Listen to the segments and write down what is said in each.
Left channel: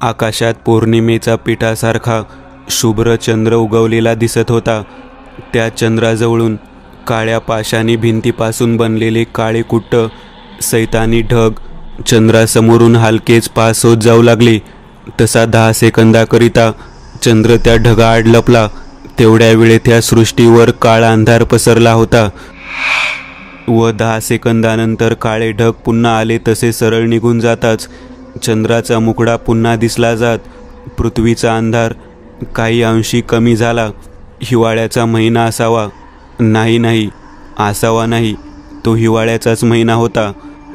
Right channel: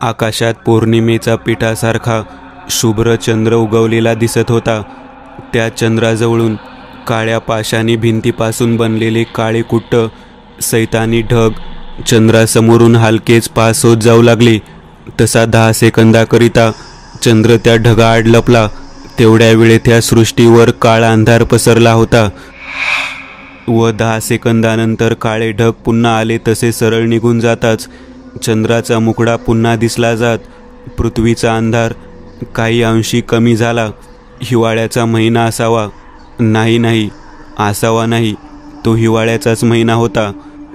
आकाशात पौर्णिमेचा पिठासारखा शुभ्र चंद्र उगवलेला दिसत होता. त्या चंद्राजवळून काळ्या पाषाणी भिंतीपासून बनलेले काळे कुट्ट सैतानी ढग चंद्रासमोरून हलकेच पास होत जाऊ लागले. तसा 10 सेकंदाकरिता चंद्र त्या ढगाआड लपला. तेवढ्या वेळेत त्या सृष्टीवर काळा अंधार पसरला होता व 10 सेकंदानंतर काळे ढग पुन्हा आले तसे सरळ निघून जाताच चंद्राचा मुखडा पुन्हा दिसला जात पृथ्वीचा अंधार काही अंशी कमी झाला. हिवाळ्याचा महिना असावा? नाही, असावा नाही. तो हिवाळ्याचाच महिना होता,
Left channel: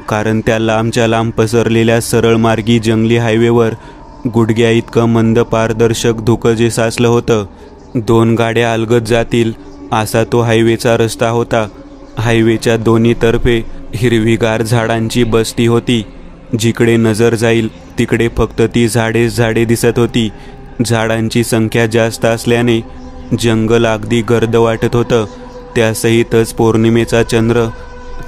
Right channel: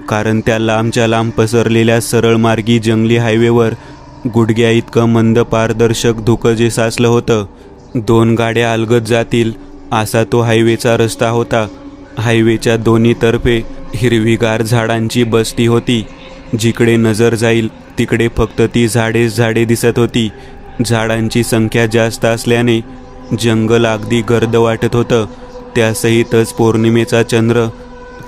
कारण त्या लांबच्या लांब पसरलेल्या सरळ मार्गी जंगली हायवेवर गुडघ्या इतकं मंद पारदर्शक धुकं जे साचलं होतं. 2 गाड्या अलगद जातील असा तो हायवेचा रस्ता होता. हायवेच्या दोन्ही तर्फे हिरवीगार झाडांची बस्ती होती. जिकडे नजर जाईल तिकडे फक्त ती झाडे दिसत होती. झाडांची संख्या जास्त असल्याने जंगल अगदी गर्द वाटत होतं. त्यासहितच पौर्णिमेचा चंद्र,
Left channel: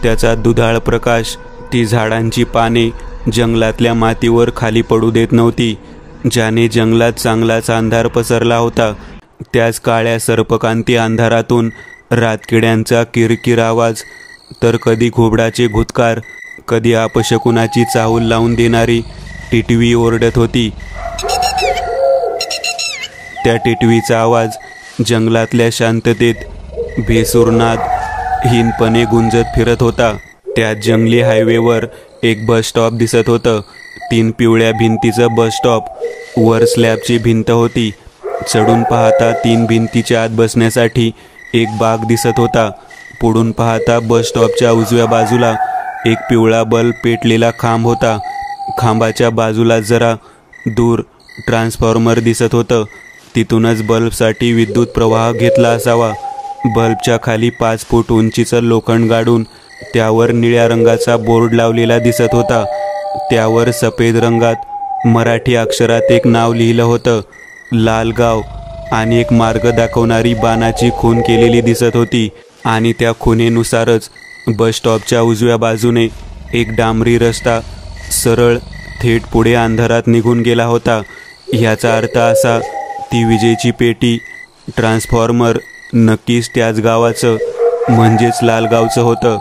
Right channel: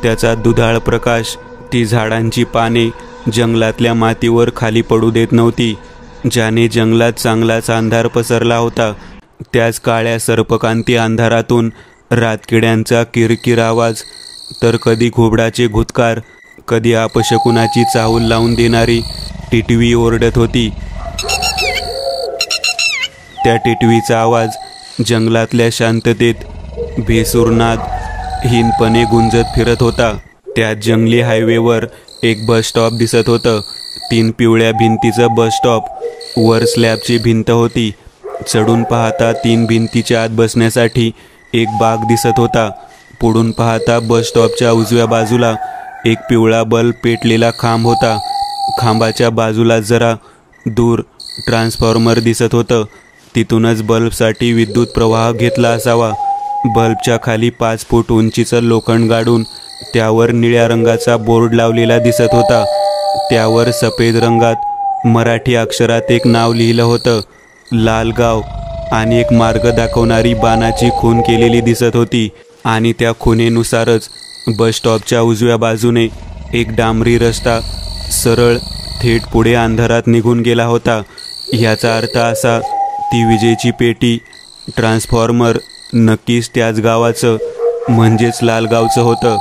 त्याचा दुधाळ प्रकाश ती झाडांची पाने जंगलातल्या मातीवर खाली पडू देत नव्हती, ज्याने जंगलात चांगलाच अंधार पसरला होता. त्याच काळ्या सर्पकांती अंधारातून रातकिड्यांचा किरकिर आवाज, तर कधी घोबडाचे घुतकार, कधी अपशकुनाची चाहूल लावून देणारी टिटवी ओरडत होती. त्या टिटवीचा आवाज जंगलातल्या शांततेत भेसूरनाद हीनपणे गुंजत फिरत होता. त्या जंगली हायवेवर एक बस स्टॉप दिसत होतं. 3 पिवळ्या भिंतीचं बस स्टॉप. वर स्लॅबची भिंत होती. चढून पाहता 3 भिंतीच्या आत बसण्यासाठी एक बाग दिसत होता. पुढून पाहता बस स्टॉपच्या उजव्या बाजूला एक पिवळा बल्ब पेटलेला खांब होता. खांबाच्या बाजूला जरा दूर ट्रान्सफॉर्मर दिसत होतं. तिथूनच बल्बसाठी विद्युत प्रवाह घेतला असावा. बल्बच्या खाली 5 फूट उंचीचं लोखंड गाडून त्यावर निळ्या रंगाचा बोर्ड लावलेला दिसत होता. त्यावर सफेद रंगात मराठी अक्षरात एक नाव लिहिलं होतं, लालगाव, आणि एक मार्ग दाखवणारी बाणाची खून केलेली दिसत होती. आणि त्या खुणेनुसारच बस स्टॉपच्या उजव्या बाजूने एक डांबरी रस्ता सरळ थेट पुढे अंधारात निघून गेला होता. ह्याचा अर्थ असा, ती विजेची पेटी, ट्रान्सफॉर्मर नक्कीच त्याच गावाचं म्हणजेच लालगावचं होतं.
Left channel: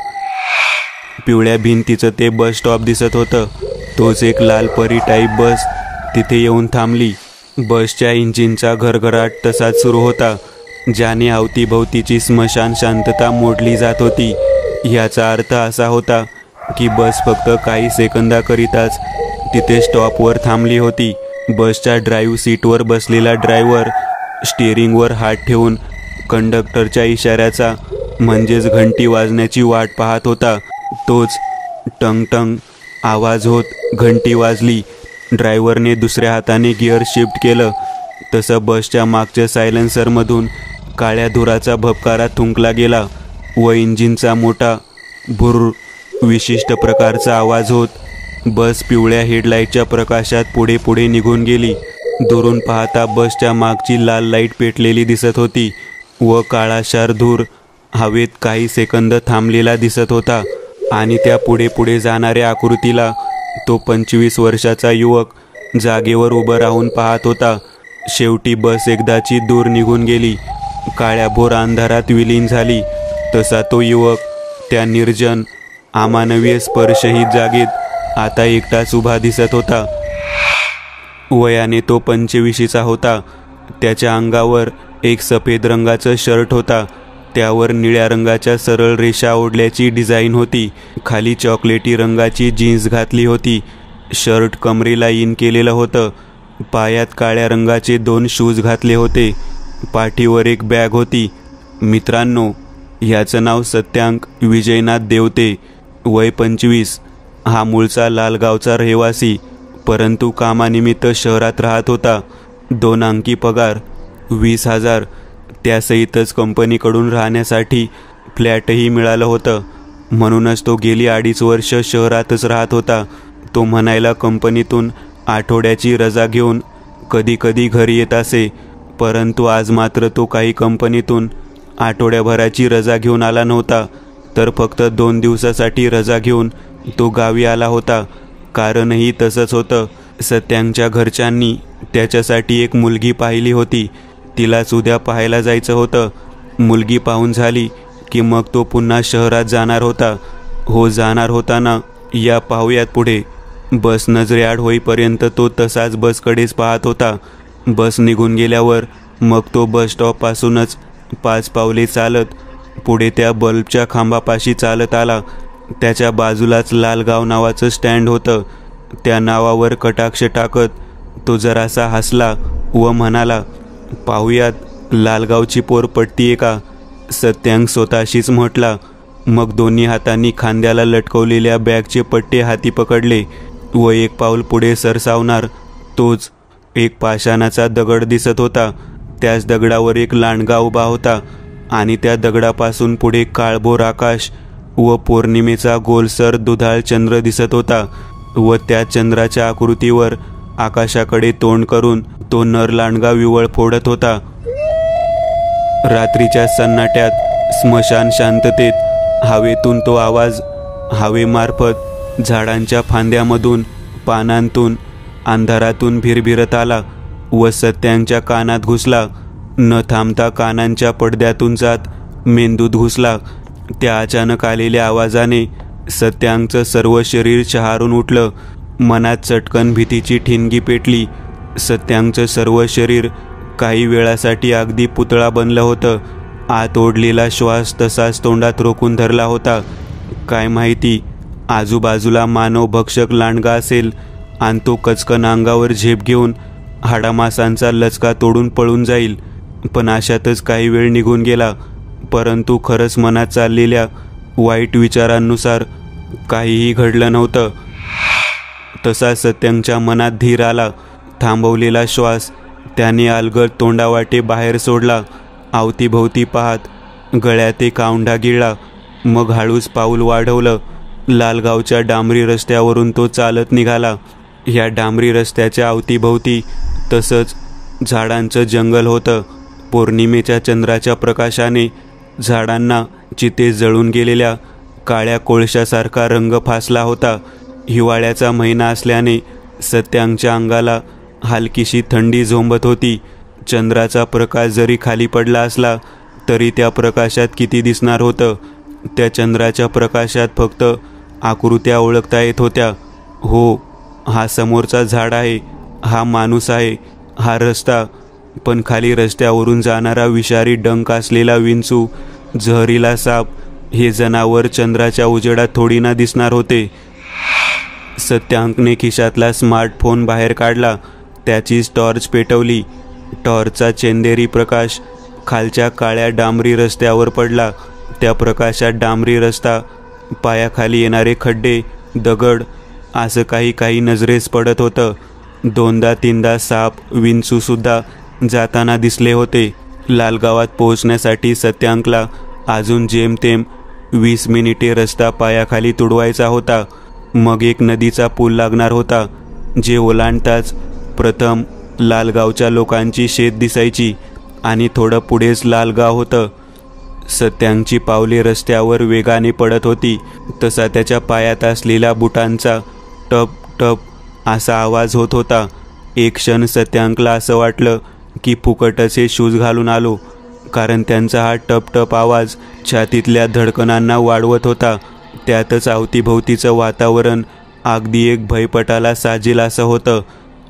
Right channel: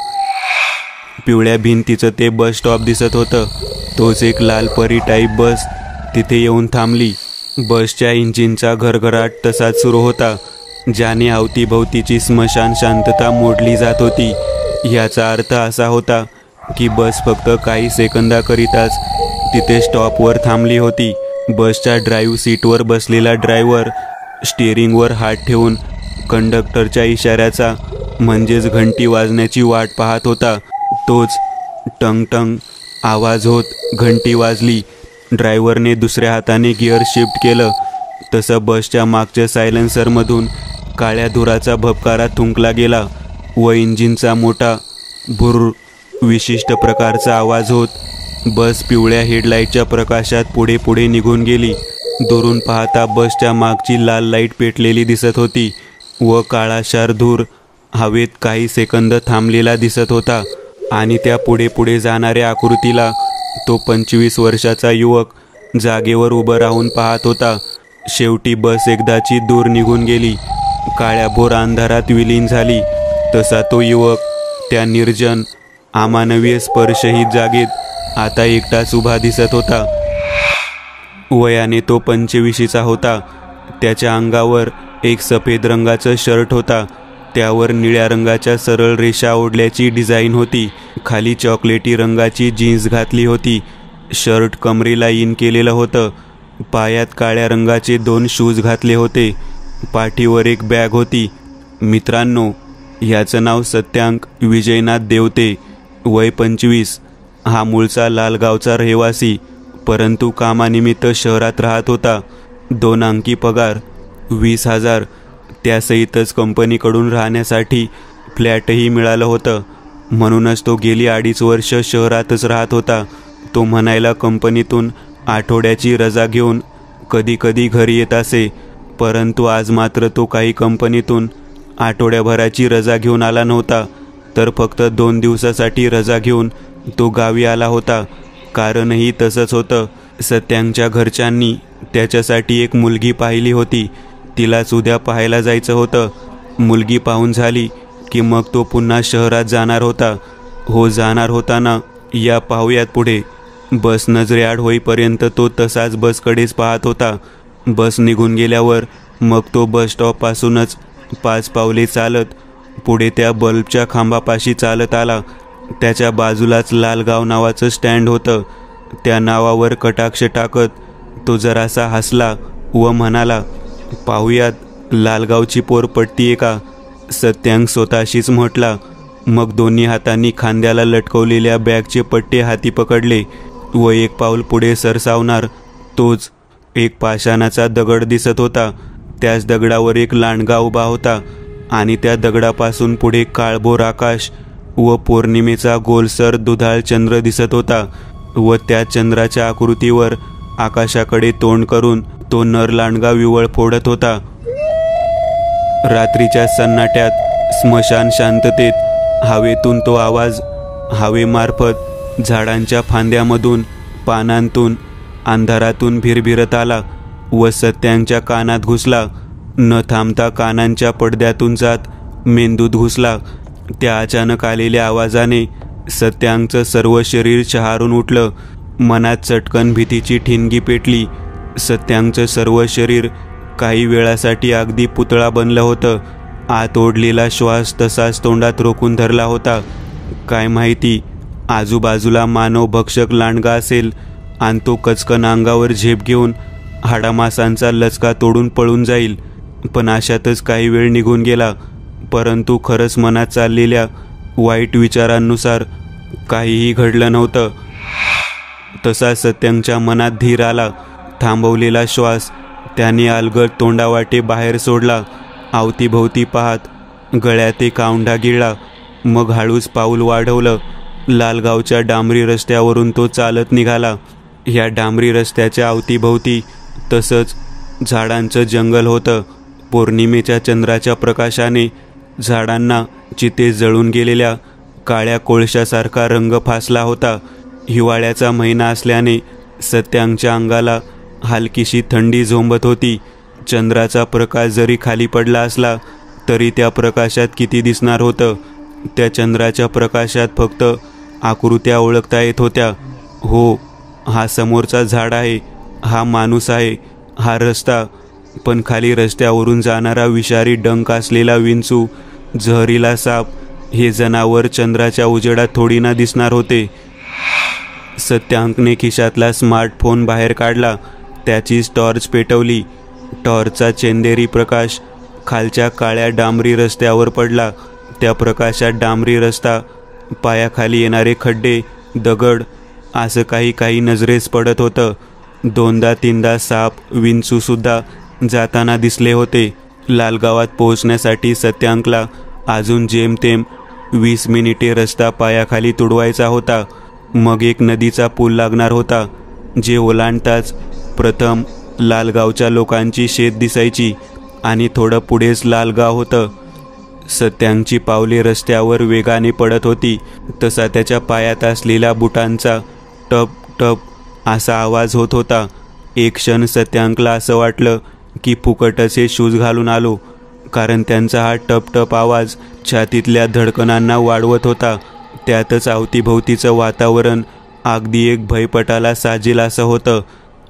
पिवळ्या भिंतीचं ते बस स्टॉप दिसत होतं. तोच एक लालपरी टाईप बस तिथे येऊन थांबली. बसच्या इंजिनचा घरघराट तसाच सुरू होता, ज्याने अवतीभवतीची स्मशान शांतता मोडली जात होती. याचा अर्थ असा होता की बस फक्त काही सेकंदाकरिताच तिथे स्टॉपवर थांबली होती. बसच्या ड्राईव्ह सीटवर बसलेला ड्रायव्हर स्टीअरिंगवर हात ठेवून कंडक्टरच्या इशाऱ्याचा म्हणजेच घंटी वाजण्याची वाट पाहत होता. तोच टंग टंग आवाज होत घंटी वाजली. ड्रायव्हरने दुसऱ्या हाताने गिअर शिफ्ट केलं. तसं बसच्या मागच्या सायलेन्सरमधून काळ्या धुराचा भपकारा थुंकला गेला व इंजिनचा मोठा भुर्र विशिष्ट प्रकारचा आवाज होत बस पिवळ्या हेडलाईटच्या प्रकाशात पुढे निघून गेली. दुरून पाहता बसच्या मागची लाल लाईट पेटलेली दिसत होती व काळाशार धूर हवेत काही सेकंद थांबलेला दिसत होता. आणि त्या पुढे जाणाऱ्या आकृतीला तो 25 वर्षाचा युवक जागेवर उभं राहून पाहत होता. शेवटी बस एकदाची दूर निघून गेली, काळ्याभोर अंधारात विलीन झाली. तसा तो युवक त्या निर्जन अमानवीय स्पर्शहीत जागेत आता एकटाच उभा दिसत होता. वयाने तो 25चा होता. त्याच्या अंगावर एक सफेद रंगाचं शर्ट होता. त्यावर निळ्या रंगाच्या सरळ रेषा ओढल्याची डिझाईन होती. खाली चॉकलेटी रंगाची जीन्स घातली होती. शर्ट कमरेला इन केलेलं होतं. पायात काळ्या रंगाचे 2 शूज घातले होते. पाठीवर एक बॅग होती. मित्रांनो, ह्याचं नाव सत्यांक विजयनाथ देवते, वय 25. हा मूळचा लालगावचा रहिवासी, परंतु कामानिमित्त शहरात राहत होता. 2 अंकी पगार, 20,000. त्यासहितच कंपनीकडून राहण्यासाठी फ्लॅटही मिळालं होतं. म्हणूनच तो गेली 2.5 वर्ष शहरातच राहत होता. तो म्हणायला कंपनीतून आठवड्याची रजा घेऊन कधी कधी घरी येत असे, परंतु आज मात्र तो काही कंपनीतून आठवड्याभराची रजा घेऊन आला नव्हता, तर फक्त 2 दिवसासाठी रजा घेऊन तो गावी आला होता. कारणही तसंच होतं. सत्यांच्या घरच्यांनी त्याच्यासाठी एक मुलगी पाहिली होती. तिलाच उद्या पाहायला जायचं होतं. मुलगी पाहून झाली की मग तो पुन्हा शहरात जाणार होता. हो, जाणार होता ना. या पाहूयात पुढे. बस नजरेआड होईपर्यंत तो तसाच बसकडेच पाहत होता. बस निघून गेल्यावर मग तो बस स्टॉपपासूनच 5 पावले चालत पुढे त्या बल्बच्या खांबापाशी चालत आला. त्याच्या बाजूलाच लालगाव नावाचं स्टँड होतं. त्या नावावर कटाक्ष टाकत तो जरासा हसला व म्हणाला, पाहूयात लालगावची पोर पटतीये का. सत्यांक स्वतःशीच म्हटला. मग दोन्ही हातांनी खांद्याला लटकवलेल्या बॅगचे पट्टे हाती पकडले व एक पाऊल पुढे सरसावणार तोच एक पाषाणाचा दगड दिसत होता. त्याच दगडावर एक लांडगा उभा होता आणि त्या दगडापासून पुढे काळभोर आकाश व पौर्णिमेचा गोलसर दुधाळ चंद्र दिसत होता व त्या चंद्राच्या आकृतीवर आकाशाकडे तोंड करून तो नर लांडगा विवळ फोडत होता. रात्रीच्या सन्नाट्यात स्मशान शांततेत हवेतून तो आवाज हवेमार्फत झाडांच्या फांद्यामधून पानांतून अंधारातून भिरभिरत आला व सत्यांच्या कानात घुसला. न थांबता कानांच्या पडद्यातून जात मेंदूत घुसला. त्या अचानक आलेल्या आवाजाने सत्यांचं सर्व शरीर शहारून उठलं. मनात चटकन भीतीची ठिणगी पेटली. सत्यांचं सर्व शरीर काही वेळासाठी अगदी पुतळा बनलं होतं. आत ओढलेला श्वास तसाच तोंडात रोखून धरला होता. काय माहिती आजूबाजूला मानव भक्षक लांडगा असेल आणि तो कचकन अंगावर झेप घेऊन हाडामासांचा लचका तोडून पळून जाईल. पण अशातच काही वेळ निघून गेला. परंतु खरंच मनात चाललेल्या वाईट विचारांनुसार काहीही घडलं नव्हतं. तसा सत्यांच्या मनात धीर आला. थांबवलेला श्वास त्याने अलगद तोंडावाटे बाहेर सोडला. अवतीभोवती पाहत गळ्यात एक औंढा गिळला. मग हळूच पाऊल वाढवलं. लालगावच्या डांबरी रस्त्यावरून तो चालत निघाला. ह्या डांबरी रस्त्याच्या अवतीभोवती तसंच झाडांचं जंगल होतं. पौर्णिमेच्या चंद्राच्या प्रकाशाने झाडांना चिते जळून गेलेल्या काळ्या कोळशासारखा रंग फासला होता. हिवाळ्याचा महिना असल्याने सत्यांच्या अंगाला हलकीशी थंडी झोंबत होती. चंद्राचा प्रकाश जरी खाली पडला असला तरी त्या प्रकाशात किती दिसणार होतं. त्या चंद्राच्या प्रकाशात फक्त आकृत्या ओळखता येत होत्या. हो, हा समोरचा झाड आहे, हा माणूस आहे, हा रस्ता. पण खाली रस्त्यावरून जाणारा विषारी डंक असलेला विंचू, जहरीला साप हे जनावर चंद्राच्या उजेडात थोडी ना दिसणार होते. सत्यांकने खिशातला स्मार्टफोन बाहेर काढला. त्याचीच टॉर्च पेटवली. टॉर्चचा चेंदेरी प्रकाश खालच्या काळ्या डांबरी रस्त्यावर पडला. त्या प्रकाशात डांबरी रस्ता, पायाखाली येणारे खड्डे, दगड असं काही नजरेस पडत होतं. 2दा-3दा साप, विंचू सुद्धा जाताना दिसले होते. लालगावात पोहोचण्यासाठी सत्यांकला अजून जेमतेम 20 मिनिटे रस्ता पायाखाली तुडवायचा होता. मग एक नदीचा पूल लागणार होता, जे ओलांडताच प्रथम लालगावच्या लोकांची शेत दिसायची आणि थोडं पुढेच लालगाव होतं. सत्यांची पावले रस्त्यावर वेगाने पडत होती. तसा त्याच्या पायात असलेल्या बुटांचा टप टप असा आवाज होत होता. एक क्षण सत्यांकला असं वाटलं की फुकटचे शूज घालून आलो, कारण त्यांचा हा टप टप आवाज छातीतल्या धडकनांना वाढवत होता. त्यातच अवतीभोवतीचं वातावरण अगदी एक भयपटाला साजेल असं होतं.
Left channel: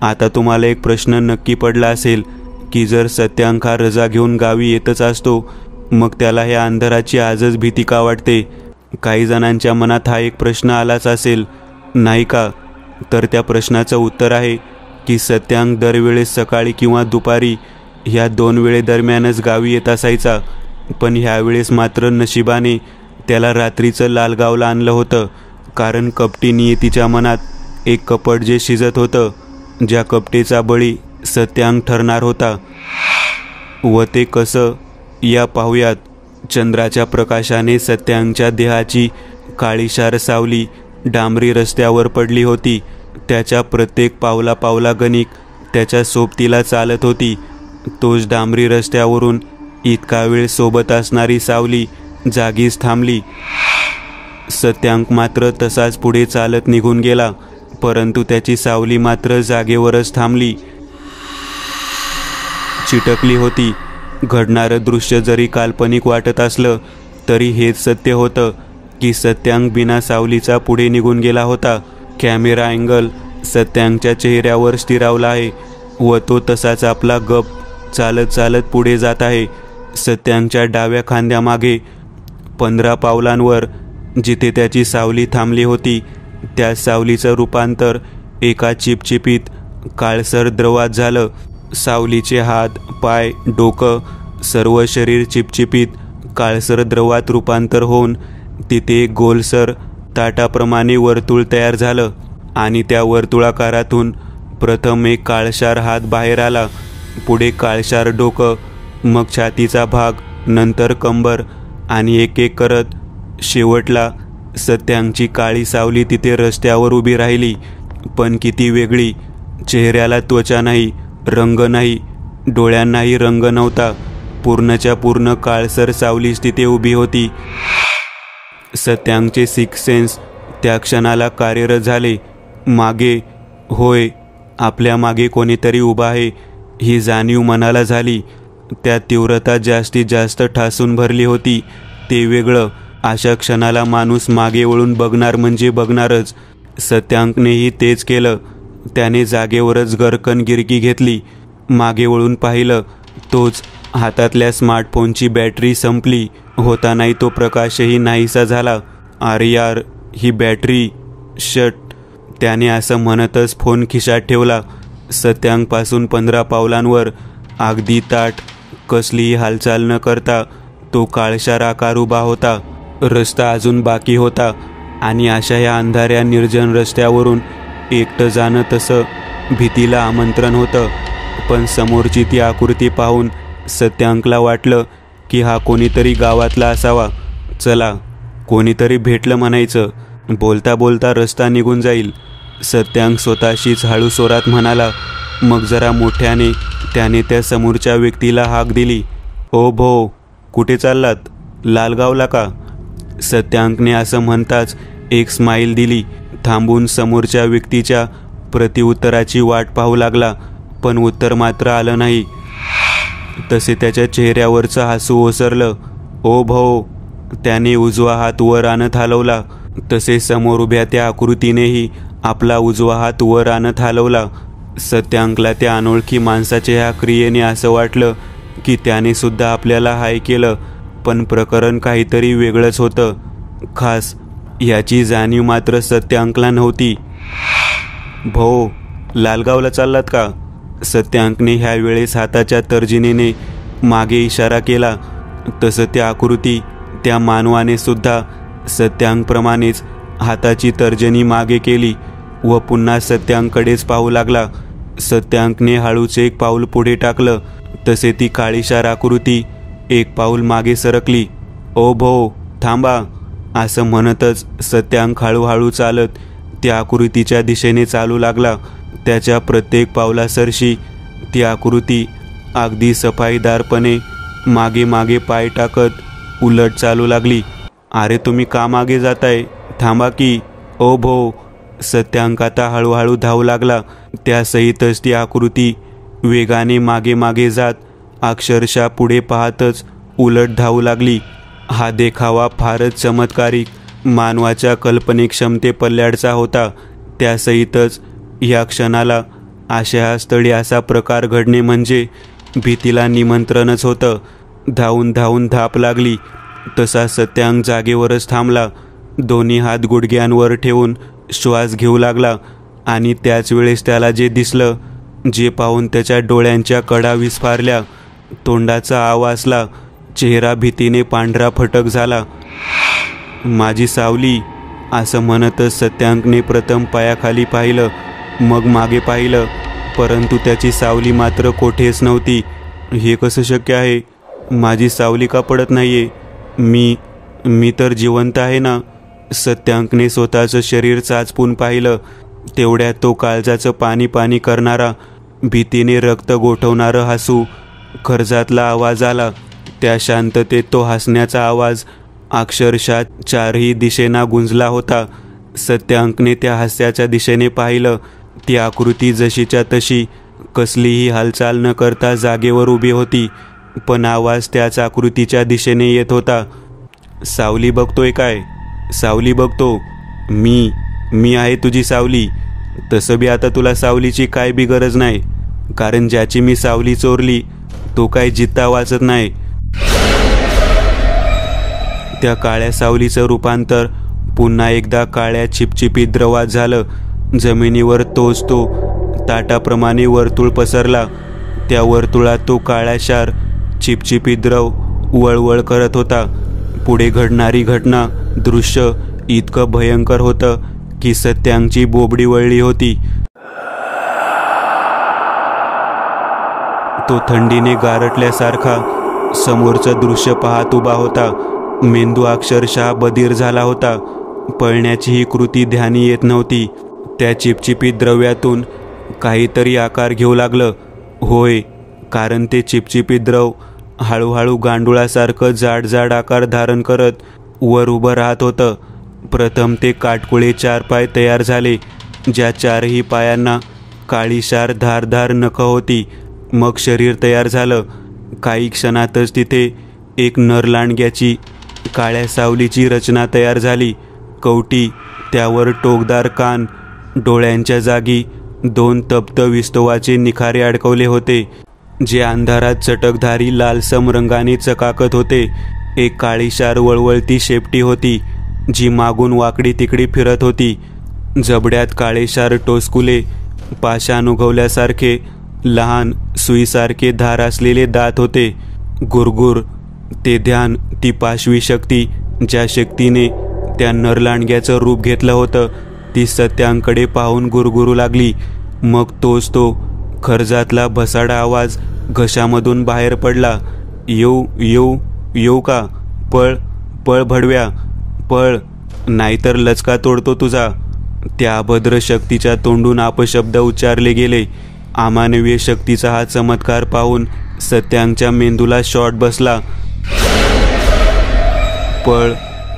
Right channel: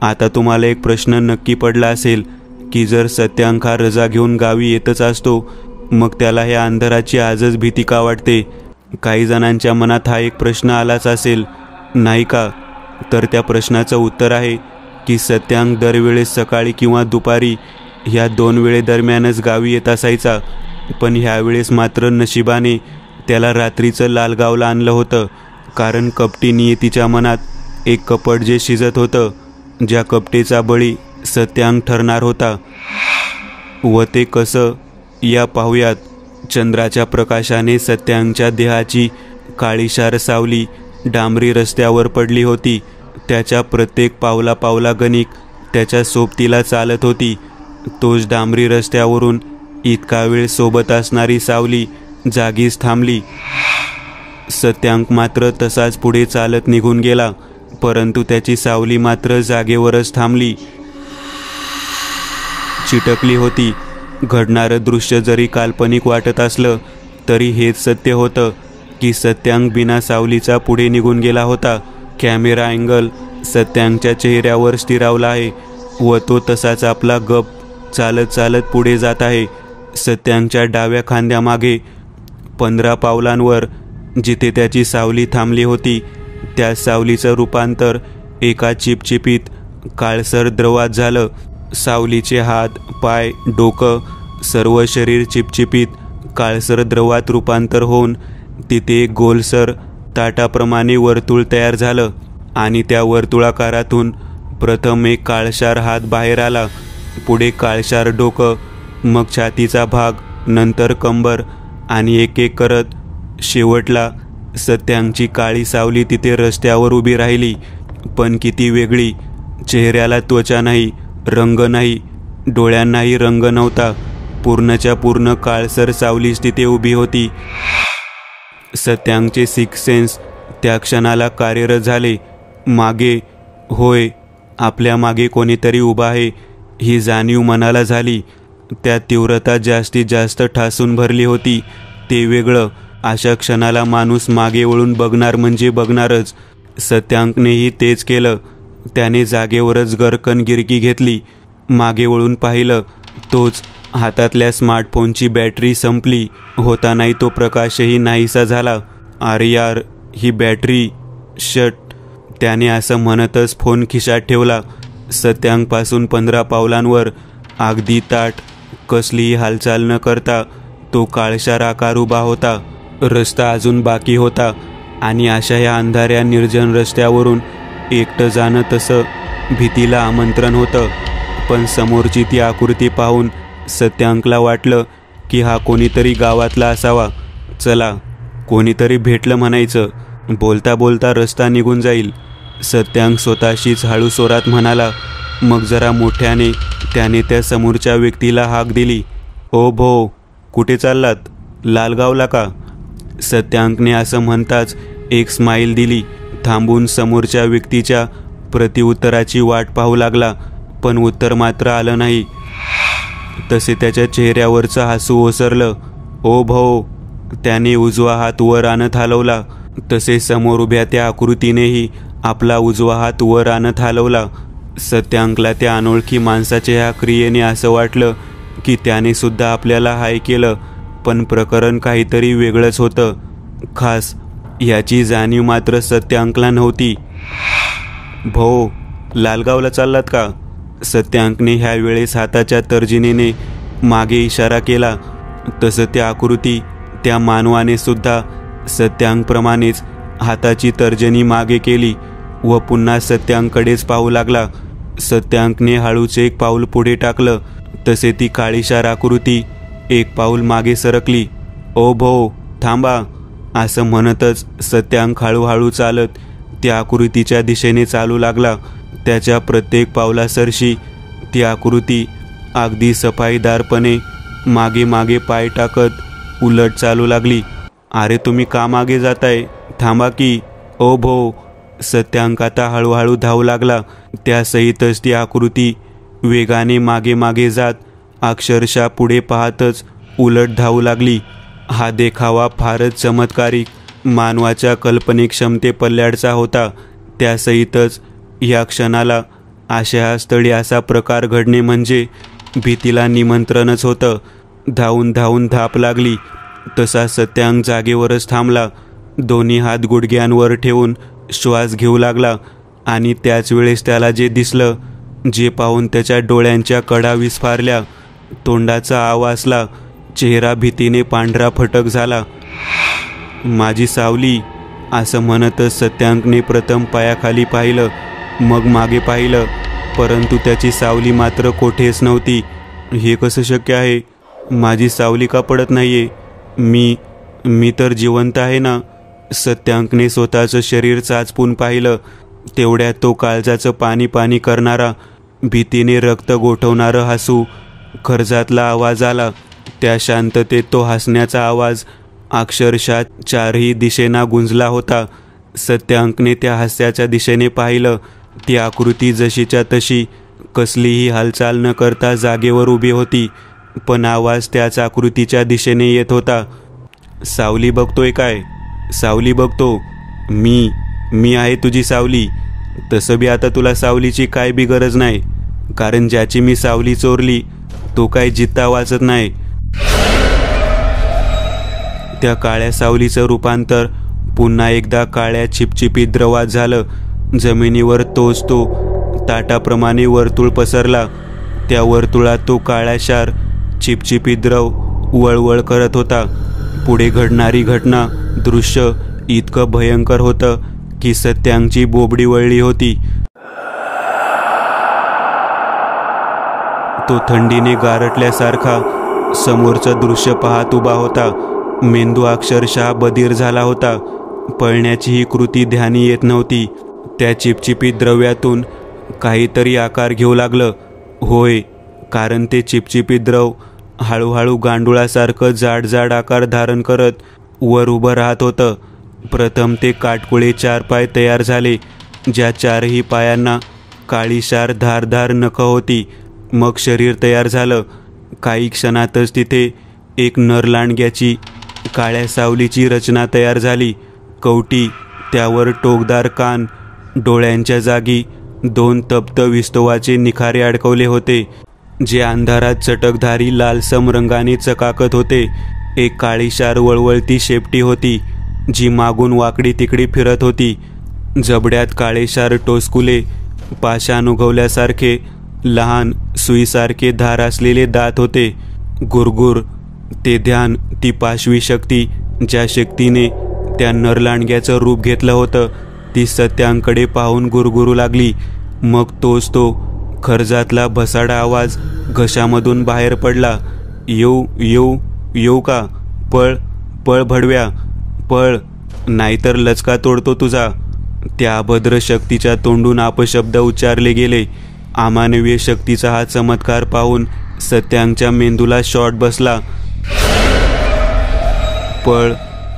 आता तुम्हाला एक प्रश्न नक्की पडला असेल की जर सत्यांक हा रजा घेऊन गावी येतच असतो, मग त्याला ह्या अंधाराची आजच भीती का वाटते? काही जणांच्या मनात हा एक प्रश्न आलाच असेल, नाही का? तर त्या प्रश्नाचं उत्तर आहे की सत्यांक दरवेळेस सकाळी किंवा दुपारी ह्या 2 वेळेदरम्यानच गावी येत असायचा. पण ह्यावेळेस मात्र नशिबाने त्याला रात्रीचं लालगावला आणलं होतं, कारण कपटी नियतीच्या मनात एक कपट जे शिजत होतं, ज्या कपटीचा बळी सत्यांक ठरणार होता. व ते कसं, या पाहूयात. चंद्राच्या प्रकाशाने सत्यांकच्या देहाची काळीशार सावली डांबरी रस्त्यावर पडली होती. त्याच्या प्रत्येक पावला पावला गणिक त्याच्या सोबतीला चालत होती. तोच डांबरी रस्त्यावरून इतका वेळ सोबत असणारी सावली जागीच थांबली. सत्यांक मात्र तसाच पुढे चालत निघून गेला. परंतु त्याची सावली मात्र जागेवरच थांबली, चिटकली होती. घडणारं दृश्य जरी काल्पनिक वाटत असलं तरी हेच सत्य होतं की सत्यांक बिना सावलीचा पुढे निघून गेला होता. कॅमेरा अँगल सत्यांकच्या चेहऱ्यावर स्थिरावला आहे व तो तसाच आपला गप चालत चालत पुढे जात आहे. सत्यांकच्या डाव्या खांद्यामागे 15 पावलांवर जिथे त्याची सावली थांबली होती त्या सावलीचं रूपांतर एका चिपचिपीत काळसर द्रवात झालं. सावलीचे हात, पाय, डोकं, सर्व शरीर चिपचिपीत काळसर द्रवात रूपांतर होऊन तिथे एक गोलसर ताटाप्रमाणे वर्तुळ तयार झालं आणि त्या वर्तुळाकारातून प्रथम एक काळशार हात बाहेर आला, पुढे काळशार डोकं, मग छातीचा भाग, नंतर कंबर आणि एक एक करत शेवटला सत्यांकची काळी सावली तिथे रस्त्यावर उभी राहिली. पण किती वेगळी. चेहऱ्याला त्वचा नाही, रंग नाही, डोळ्यांनाही रंग नव्हता. पूर्णच्या पूर्ण काळसर सावलीच तिथे उभी होती. सत्यांकचे सिक्स सेन्स त्या क्षणाला कार्यरत झाले. मागे, होय, आपल्या मागे कोणीतरी उभा आहे ही जाणीव मनाला झाली. त्या तीव्रता जास्तीत जास्त ठासून भरली होती. ते वेगळं. अशा क्षणाला माणूस मागे वळून बघणार म्हणजे बघणारच. सत्यांकनेही तेच केलं. त्याने जागेवरच गरकन गिरकी घेतली, मागे वळून पाहिलं. तोच हातातल्या स्मार्टफोनची बॅटरी संपली होतानाही तो प्रकाशही नाहीसा झाला. अरे यार, ही बॅटरी शट. त्याने असं म्हणतच फोन खिशात ठेवला. सत्यांकपासून 15 पावलांवर अगदी ताठ, कसलीही हालचाल न करता तो काळशार आकार उभा होता. रस्ता अजून बाकी होता आणि अशा या अंधाऱ्या निर्जन रस्त्यावरून एकटं जाणं तसं भीतीला आमंत्रण होतं. पण समोरची ती आकृती पाहून सत्यांकला वाटलं की हा कोणीतरी गावातला असावा. चला, कोणीतरी भेटलं म्हणायचं. बोलता बोलता रस्ता निघून जाईल. सत्यांक स्वतःशीच हळू स्वरात म्हणाला. मग जरा मोठ्याने त्याने त्या समोरच्या व्यक्तीला हाक दिली. ओ भो, कुठे चाललात? लालगावला का? सत्यांकने असं म्हणताच एक स्माईल दिली. थांबून समोरच्या व्यक्तीच्या प्रतिउत्तराची वाट पाहू लागला, पण उत्तर मात्र आलं नाही. तसे त्याच्या चेहऱ्यावरचं हसू ओसरलं. ओ भो, त्याने उजवा हात वर आणत हलवला. तसे समोर उभ्या त्या आकृतीनेही आपला उजवा हात वर आणत हलवला. सत्यांकला त्या अनोळखी माणसाच्या ह्या क्रियेने असं वाटलं की त्याने सुद्धा आपल्याला हाय केलं. पण प्रकरण काहीतरी वेगळंच होतं. खास याची जाणीव मात्र सत्यांकला नव्हती. भो, लालगावला चाललात का? सत्यांकने ह्या वेळेस हाताच्या तर्जनीने मागे इशारा केला. तसं त्या आकृती, त्या मानवाने सुद्धा सत्यांकप्रमाणेच हाताची तर्जनी मागे केली व पुन्हा सत्यांककडेच पाहू लागला. सत्यांकने हळूच एक पाऊल पुढे टाकलं. तसे ती काळीशार आकृती एक पाऊल मागे सरकली. ओ भो, थांबा, असं म्हणतच सत्यांक हळूहळू चालत त्या आकृतीच्या दिशेने चालू लागला. त्याच्या प्रत्येक पावलासरशी ती आकृती अगदी सफाईदारपणे मागे मागे पाय टाकत उलट चालू लागली. अरे, तुम्ही का मागे जाताय? थांबा की. ओ भो. सत्यांक आता हळूहळू धावू लागला. त्यासहितच ती आकृती वेगाने मागे मागे जात अक्षरशः पुढे पाहतच उलट धावू लागली. हा देखावा फारच चमत्कारिक, मानवाच्या कल्पनेक्षमते पल्ल्याडचा होता. त्यासहितच या क्षणाला अशा स्थळी असा प्रकार घडणे म्हणजे भीतीला निमंत्रणच होतं. धावून धावून धाप लागली. तसा सत्यांक जागेवरच थांबला. दोन्ही हात गुडघ्यांवर ठेवून श्वास घेऊ लागला आणि त्याच वेळेस त्याला जे दिसलं, जे पाहून त्याच्या डोळ्यांच्या कडा विस्फारल्या, तोंडाचा आवाजला, चेहरा भीतीने पांढरा फटक झाला. माझी सावली, असं म्हणतच सत्यांकने प्रथम पायाखाली पाहिलं, मग मागे पाहिलं, परंतु त्याची सावली मात्र कोठेच नव्हती. हे कसं शक्य आहे? माझी सावली का पडत नाहीये? मी तर जिवंत आहे ना? सत्यांकने स्वतःचं शरीर चाचपून पाहिलं. तेवढ्यात तो काळजाचं पाणी पाणी करणारा, भीतीने रक्त गोठवणारं हसू, कर्जातला आवाज आला. त्या शांततेत तो हसण्याचा आवाज अक्षरशः चारही दिशेना गुंजला होता. सत्यांकने त्या हास्याच्या दिशेने पाहिलं. ती आकृती जशीच्या तशी कसलीही हालचाल न करता जागेवर उभी होती, पण आवाज त्याच आकृतीच्या दिशेने येत होता. सावली बघतोय काय? सावली बघतो. मी आहे तुझी सावली. तसं बी आता तुला सावलीची काय बी गरज नाही, कारण ज्याची मी सावली चोरली तो काय जित्ता वाचत नाही. त्या काळ्या सावलीचं रूपांतर पुन्हा एकदा काळ्या चिपचिपीत द्रवात झालं. जमिनीवर तोच तो ताटाप्रमाणे वर्तुळ पसरला. त्या वर्तुळात तो काळाशार चिपचिपीत द्रव वळवळ करत होता. पुढे घडणारी घटना दृश्य इतकं भयंकर होतं की सत्यांची बोबडी वळली होती. तो थंडीने गारटल्यासारखा समोरचं दृश्य पाहत उभा होता. मेंदू अक्षरशः बधीर झाला होता. पळण्याची ही कृती ध्यानी येत नव्हती. त्या चिपचिपीत द्रव्यातून काहीतरी आकार घेऊ लागलं. होय, कारण ते चिपचिपीत द्रव हळूहळू गांडुळासारखं जाड आकार धारण करत वर उभं राहत होतं. प्रथम ते काटकुळे 4 पाय तयार झाले, ज्या 4ही पायांना काळीशार धारदार नखं होती. मग शरीर तयार झालं. काही क्षणातच तिथे एक नरलांडग्याची काळ्या सावलीची रचना तयार झाली. कवटी, त्यावर टोकदार कान, डोळ्यांच्या जागी 2 तप्त विस्तवाचे निखारे अडकवले होते, जे अंधारात चटकधारी लालसम रंगाने चकाकत होते. एक काळीशार वळवळती शेपटी होती, जी मागून वाकडी तिकडी फिरत होती. जबड्यात काळेशार टोचकुले, पाषाण उगवल्यासारखे लहान सुईसारखे धार असलेले दात होते. गुरगुर, ते ध्यान, ती पाशवी शक्ती, ज्या शक्तीने त्या नरलांडग्याचं रूप घेतलं होतं, ती सत्यांकडे पाहून गुरगुरू लागली. मग तोच तो खर्जातला भसाडा आवाज घशामधून बाहेर पडला. येऊ येऊ येऊ का? पळ पळ भडव्या, पळ, नाहीतर लचका तोडतो तुझा. त्या अभद्र शक्तीच्या तोंडून अपशब्द उच्चारले गेले. अमानवीय शक्तीचा हा चमत्कार पाहून सत्यांच्या मेंदूला शॉट बसला. पळ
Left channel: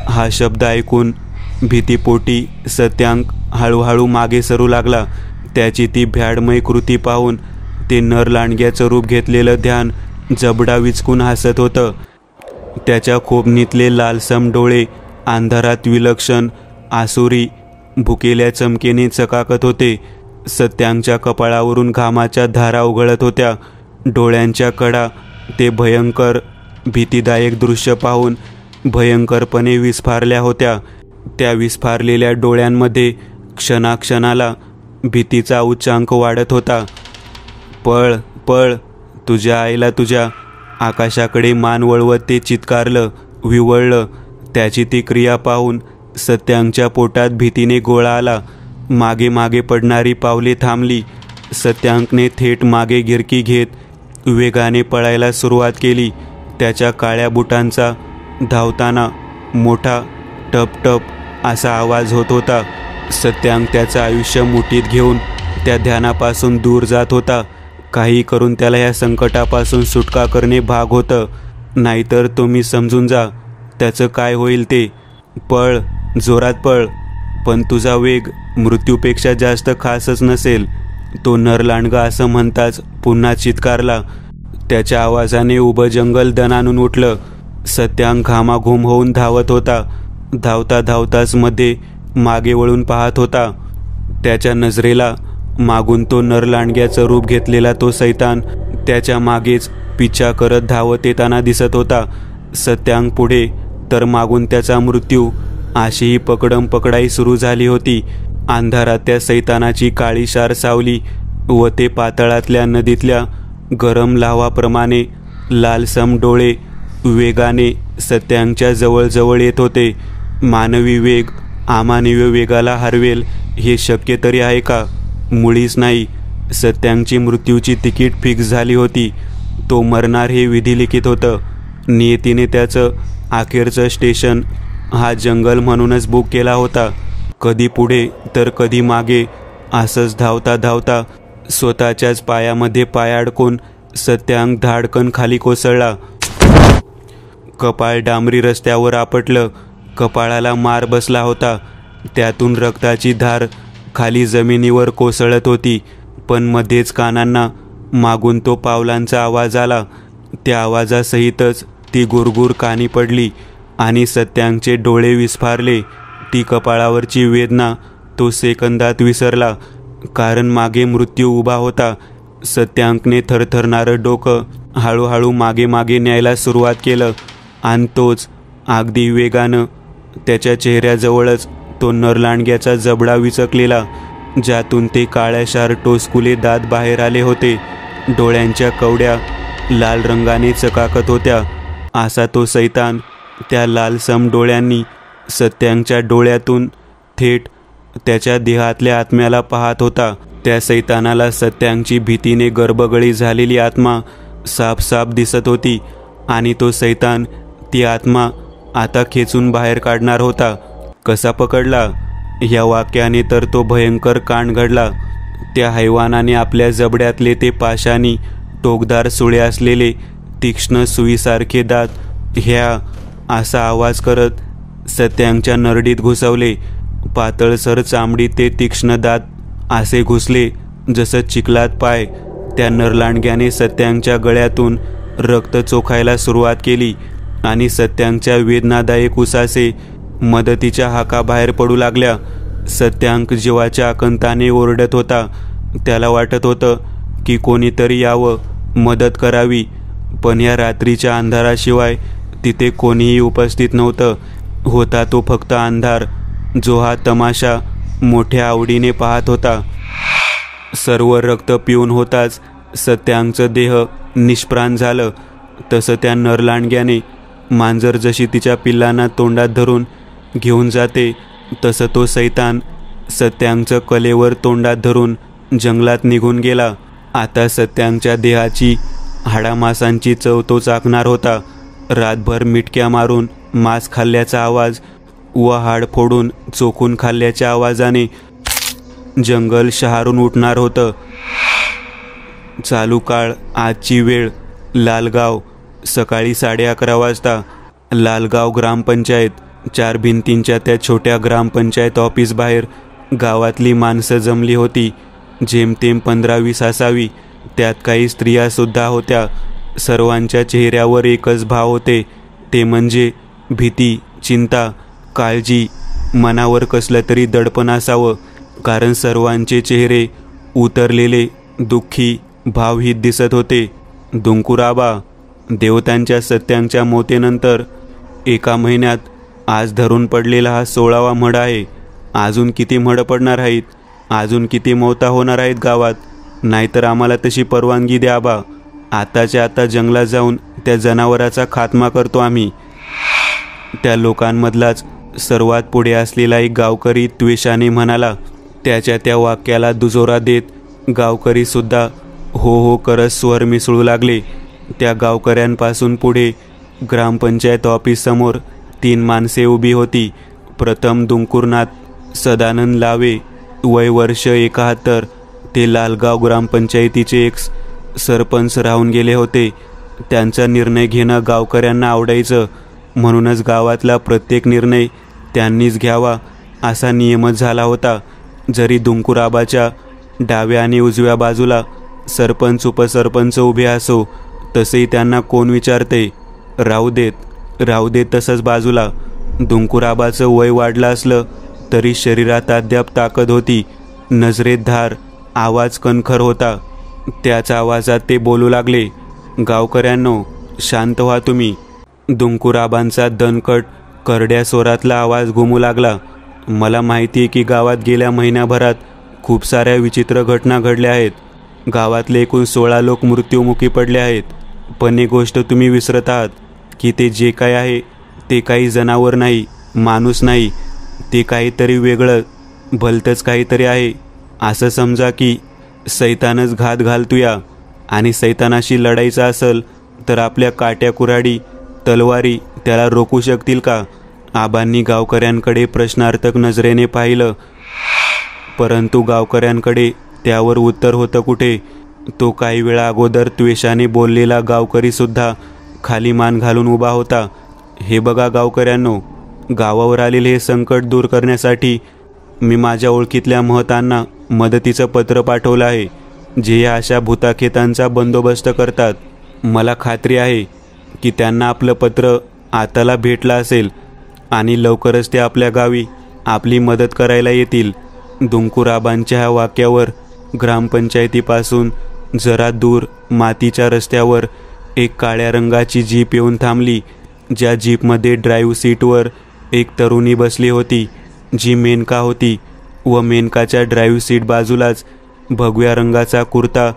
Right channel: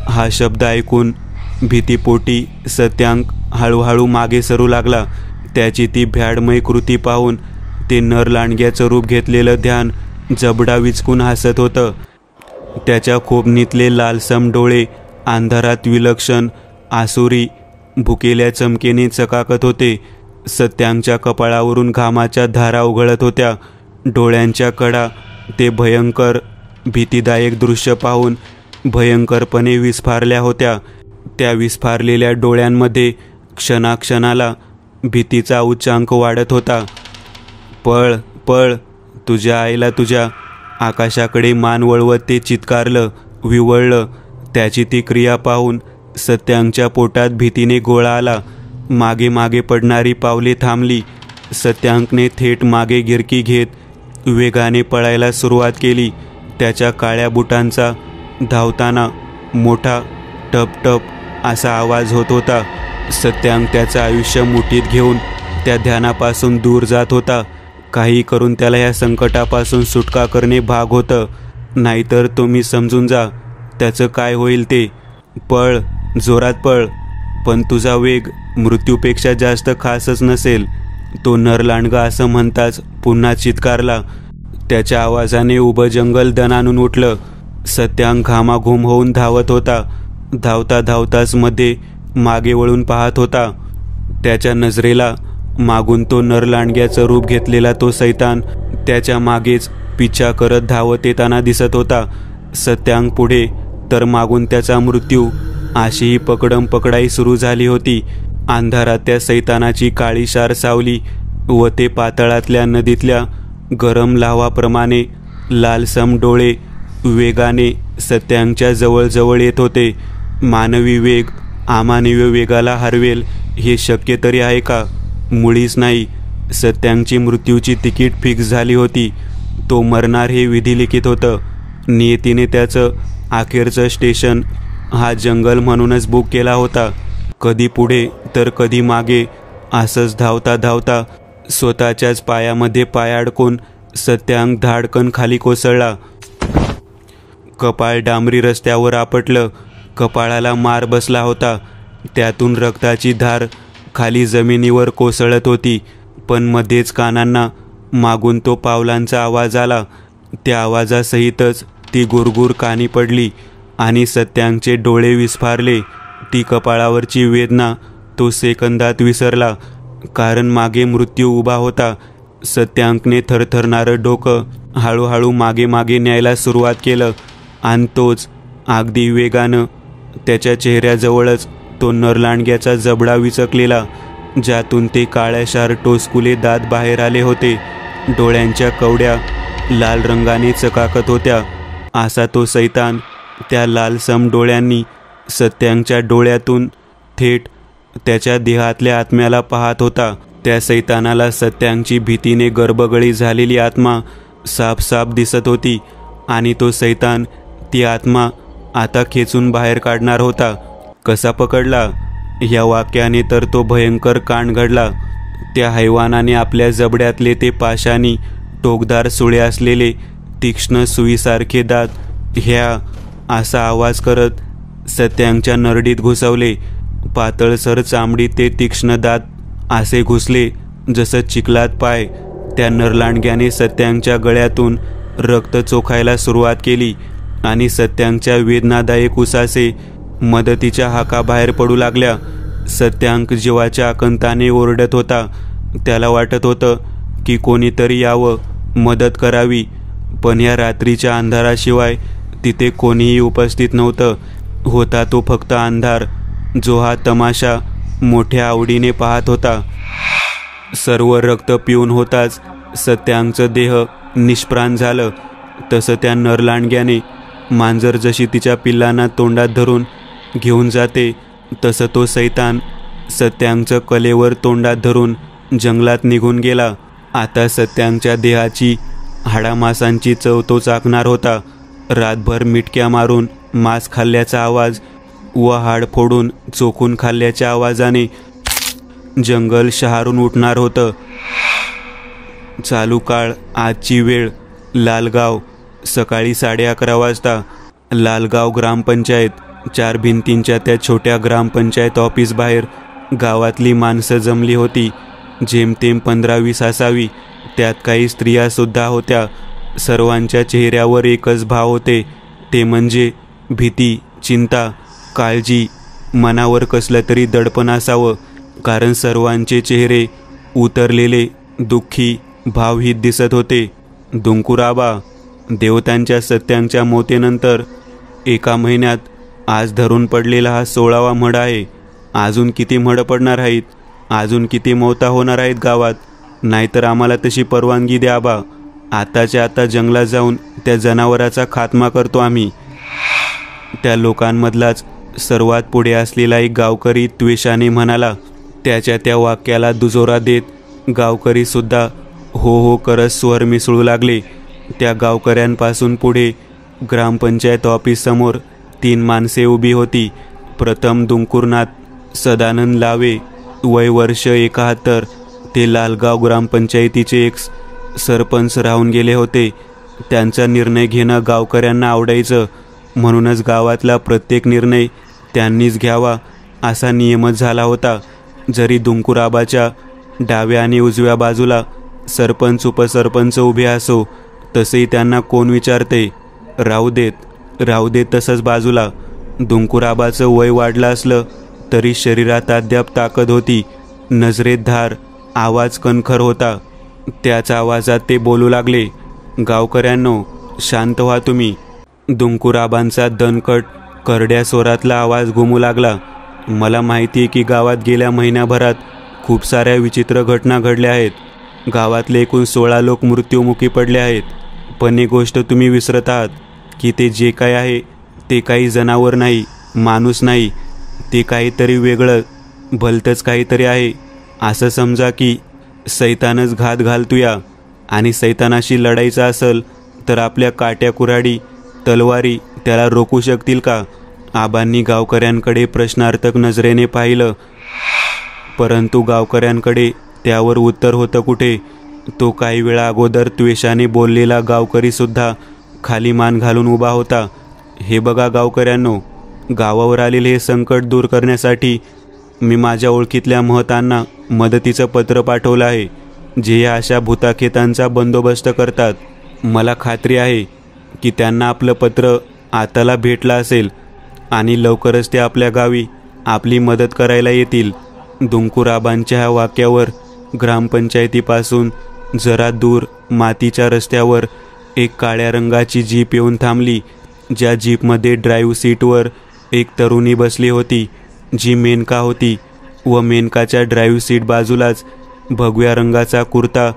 हा शब्द ऐकून भीतीपोटी सत्यांक हळूहळू मागे सरू लागला. त्याची ती भ्याडमय कृती पाहून ते नरलांडग्याचं रूप घेतलेलं ध्यान जबडा विचकून हसत होतं. त्याच्या खोबणीतले लालसम डोळे अंधारात विलक्षण आसुरी भुकेल्या चमकेने चकाकत होते. सत्यांच्या कपाळावरून घामाच्या धारा उघळत होत्या. डोळ्यांच्या कडा ते भयंकर भीतीदायक दृश्य पाहून भयंकरपणे विस्फारल्या होत्या. त्या विस्फारलेल्या डोळ्यांमध्ये क्षणाक्षणाला भीतीचा उच्चांक वाढत होता. पळ पळ, तुझ्या आईला तुझ्या. आकाशाकडे मान वळवत ते चित्कारलं, विवळलं. त्याची ती क्रिया पाहून सत्यांच्या पोटात भीतीने गोळा आला. मागे मागे पडणारी पावले थांबली. सत्यांकने थेट मागे गिरकी घेत वेगाने पळायला सुरुवात केली. त्याच्या काळ्या बुटांचा धावताना मोठा टप टप असा आवाज होत होता. सत्यांक त्याचं आयुष्य मुठीत घेऊन त्या ध्यानापासून दूर जात होता. काही करून त्याला या संकटापासून सुटका करणे भाग होतं, नाहीतर तुम्ही समजून जा त्याचं काय होईल ते. पळ, जोरात पळ, पण तुझा वेग मृत्यूपेक्षा जास्त खासच नसेल. तो नरलांडगा असं म्हणताच पुन्हा चित्कारला. त्याच्या आवाजाने उभं जंगल दणानून उठलं. सत्यांक घामाघूम होऊन धावत होता. धावता धावताच मध्ये मागे वळून पाहत होता. त्याच्या नजरेला मागून तो नरलांडग्याचं रूप घेतलेला तो सैतान त्याच्या मागेच पिच्छा करत धावत येताना दिसत होता. सत्यांक पुढे तर मागून त्याचा मृत्यू, अशी पकडम पकडाई सुरू झाली होती. अंधारात त्या सैतानाची काळीशार सावली व ते पातळातल्या नदीतल्या गरम लाव्हाप्रमाणे लालसम डोळे वेगाने सत्यांच्या जवळ येत होते. मानवी वेग अमानवीय वेगाला हरवेल हे शक्य तरी आहे का? मुळीच नाही. सत्यांची मृत्यूची तिकीट फिक्स झाली होती. तो मरणार हे विधिलिखित होतं. नियतीने त्याचं अखेरचं स्टेशन हा जंगल म्हणूनच बुक केला होता. कधी पुढे तर कधी मागे असंच धावता धावता स्वतःच्याच पायामध्ये पाय अडकून सत्यांक धाडकन खाली कोसळला. कपाळ डांबरी रस्त्यावर आपटलं. कपाळाला मार बसला होता. त्यातून रक्ताची धार खाली जमिनीवर कोसळत होती. पण मध्येच कानांना मागून तो पावलांचा आवाज आला. त्या आवाजासहितच ती गुरगुर कानी पडली आणि सत्यांचे डोळे विस्फारले. ती कपाळावरची वेदना तो सेकंदात विसरला, कारण मागे मृत्यू उभा होता. सत्यांकने थरथरणारं डोकं हळूहळू मागे मागे न्यायला सुरुवात केलं आणि तोच अगदी वेगानं त्याच्या चेहऱ्याजवळच तो नरलांडग्याचा जबडा विचकलेला, ज्यातून ते काळ्याशार टोचकुले दात बाहेर आले होते. डोळ्यांच्या कवड्या लाल रंगाने चकाकत होत्या. असा तो सैतान त्या लालसम डोळ्यांनी सत्यांच्या डोळ्यातून थेट त्याच्या देहातल्या आत्म्याला पाहत होता. त्या सैतानाला सत्यांची भीतीने गर्भगळी झालेली आत्मा साफ साफ दिसत होती आणि तो सैतान ती आत्मा आता खेचून बाहेर काढणार होता. कसा पकडला? या वाक्याने तर तो भयंकर कांड घडला. त्या हैवानाने आपल्या जबड्यातले ते पाशानी टोकदार सुळे असलेले तीक्ष्ण सुईसारखे दात ह्या असा आवाज करत सत्यांच्या नरडीत घुसवले. पातळसर चामडी ते तीक्ष्ण दात असे घुसले जसं चिखलात पाय. त्या नरलांडग्याने सत्यांच्या गळ्यातून रक्त चोखायला सुरुवात केली आणि सत्यांच्या वेदनादायक उसासे मदतीच्या हाका बाहेर पडू लागल्या. सत्यांक जीवाच्या आकंताने ओरडत होता. त्याला वाटत होतं की कोणीतरी यावं, मदत करावी, पण या रात्रीच्या अंधाराशिवाय तिथे कोणीही उपस्थित नव्हतं. होता तो फक्त अंधार, जो हा तमाशा मोठ्या आवडीने पाहत होता. सर्व रक्त पिऊन होताच सत्यांचं देह निष्प्राण झालं. तसं त्या नरलांडग्याने मांजर जशी तिच्या पिल्लांना तोंडात धरून घेऊन जाते, तसं तो सैतान सत्यांचं कलेवर तोंडात धरून जंगलात निघून गेला. आता सत्यांच्या देहाची हाडामासांची चव तो चाकणार होता. रातभर मिटक्या मारून मांस खाल्ल्याचा आवाज व हाड फोडून चोखून खाल्ल्याच्या आवाजाने जंगल शहारून उठणार होतं. चालू काळ, आजची वेळ, लालगाव. सकाळी 11:30 वाजता. लालगाव ग्रामपंचायत. 4 भिंतींच्या त्या छोट्या ग्रामपंचायत ऑफिस बाहेर गावातली माणसं जमली होती. जेमतेम 15-20 असावी. त्यात काही स्त्रिया सुद्धा होत्या. सर्वांच्या चेहऱ्यावर एकच भाव होते, ते म्हणजे भीती, चिंता, काळजी. मनावर कसलं तरी दडपण असावं, कारण सर्वांचे चेहरे उतरलेले, दुःखी, भावहीत दिसत होते. दुंकुराबा, देवतांच्या सत्यांच्या मोतेनंतर 1 महिन्यात आज धरून पडलेला हा 16वा मढ आहे. अजून किती मढ पडणार आहेत? अजून किती मौता होणार आहेत गावात? नाहीतर आम्हाला तशी परवानगी द्या बा. आताच्या आता जंगलात जाऊन त्या जनावराचा खात्मा करतो आम्ही. त्या लोकांमधलाच सर्वात पुढे असलेला एक गावकरी त्वेषाने म्हणाला. त्याच्या त्या वाक्याला दुजोरा देत गावकरी सुद्धा हो हो करत स्वर मिसळू लागले. त्या गावकऱ्यांपासून पुढे ग्रामपंचायत ऑफिस समोर 3 माणसे उभी होती. प्रथम दुंकुरनाथ सदानंद लावे, वय वर्ष 71. ते लालगाव ग्रामपंचायतीचे एक सरपंच राहून गेले होते. त्यांचा निर्णय घेणं गावकऱ्यांना आवडायचं, म्हणूनच गावातला प्रत्येक निर्णय त्यांनीच घ्यावा असा नियमच झाला होता. जरी दुंकुराबाच्या डाव्या आणि उजव्या बाजूला सरपंच उपसरपंच उभे असो, तसेही त्यांना कोण विचारते? राहू देत तसंच बाजूला. दुंकुराबाचं वय वाढलं असलं तरी शरीरात अद्याप ताकद होती. नजरेत धार, आवाज कणखर होता. त्याच आवाजात ते बोलू लागले. गावकऱ्यांनो, शांत व्हा तुम्ही. दुंकुराबांचा दणकट करड्या स्वरातला आवाज घुमू लागला. मला माहिती आहे की गावात गेल्या महिन्याभरात खूप साऱ्या विचित्र घटना घडल्या आहेत. गावातले एकूण 16 लोक मृत्युमुखी पडले आहेत. पण एक गोष्ट तुम्ही विसरत आहात की ते जे काय आहे ते काही जनावर नाही, माणूस नाही. ते काहीतरी वेगळं, भलतंच काहीतरी आहे. असं समजा की सैतानच घात घालतोया, आणि सैतानाशी लढायचं असेल तर आपल्या काट्या कुऱ्हाडी तलवारी त्याला रोखू शकतील का? आबांनी गावकऱ्यांकडे प्रश्नार्थक नजरेने पाहिलं, परंतु गावकऱ्यांकडे त्यावर उत्तर होतं कुठे? तो काही वेळा अगोदर त्वेषाने बोललेला गावकरी सुद्धा खाली मान घालून उभा होता. हे बघा गावकऱ्यांनो, गावावर आलेले हे संकट दूर करण्यासाठी मी माझ्या ओळखीतल्या महतांना मदतीचं पत्र पाठवलं आहे, जे या अशा भूताखेतांचा बंदोबस्त करतात. मला खात्री आहे की त्यांना आपलं पत्र आताला भेटलं असेल आणि लवकरच ते आपल्या गावी आपली मदत करायला येतील. दुंकूराबांच्या ह्या वाक्यावर ग्रामपंचायतीपासून जरा दूर मातीच्या रस्त्यावर एक काळ्या रंगाची जीप येऊन थांबली. ज्या जीपमध्ये ड्राईव्ह सीटवर एक तरुणी बसली होती, जी मेनका होती, व मेनकाच्या ड्राईव्ह सीट बाजूलाच भगव्या रंगाचा कुर्ता,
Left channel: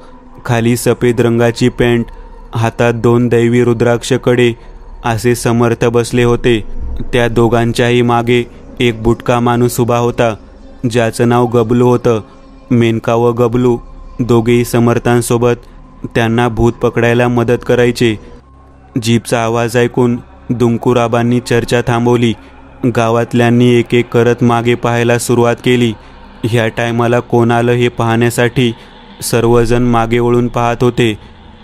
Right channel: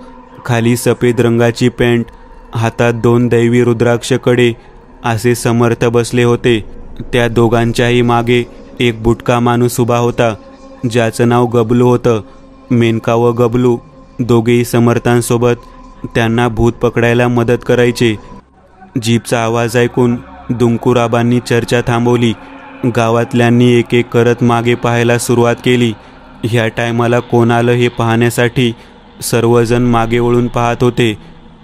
खाली सफेद रंगाची पॅन्ट, हातात 2 दैवी रुद्राक्ष कडे असे समर्थ बसले होते. त्या दोघांच्याही मागे एक बुटका माणूस उभा होता, ज्याचं नाव गबलू होतं. मेनका व गबलू दोघेही समर्थांसोबत त्यांना भूत पकडायला मदत करायचे. जीपचा आवाज ऐकून दुंकूराबांनी चर्चा थांबवली. गावातल्यांनी एक एक करत मागे पाहायला सुरुवात केली. ह्या टायमाला कोण आलं हे पाहण्यासाठी सर्वजण मागे वळून पाहत होते.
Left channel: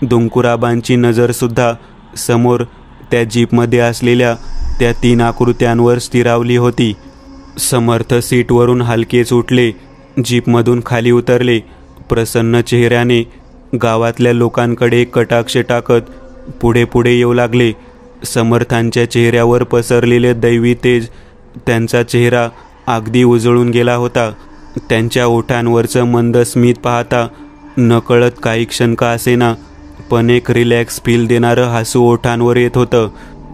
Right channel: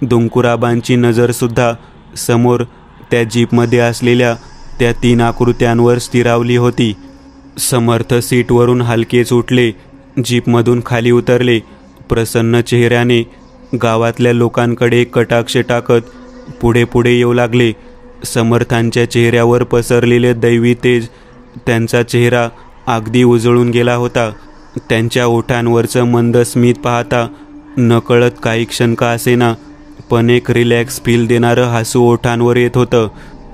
दुंकूराबांची नजरसुद्धा समोर त्या जीपमध्ये असलेल्या त्या 3 आकृत्यांवर स्थिरावली होती. समर्थ सीटवरून हलकेच उठले, जीपमधून खाली उतरले. प्रसन्न चेहऱ्याने गावातल्या लोकांकडे कटाक्ष टाकत पुढे पुढे येऊ लागले. समर्थांच्या चेहऱ्यावर पसरलेले दैवी तेज त्यांचा चेहरा अगदी उजळून गेला होता. त्यांच्या ओठांवरचं मंद स्मित पाहता नकळत काही क्षण का असेना, पण एक रिलॅक्स फील देणारं हसू ओठांवर येत होतं.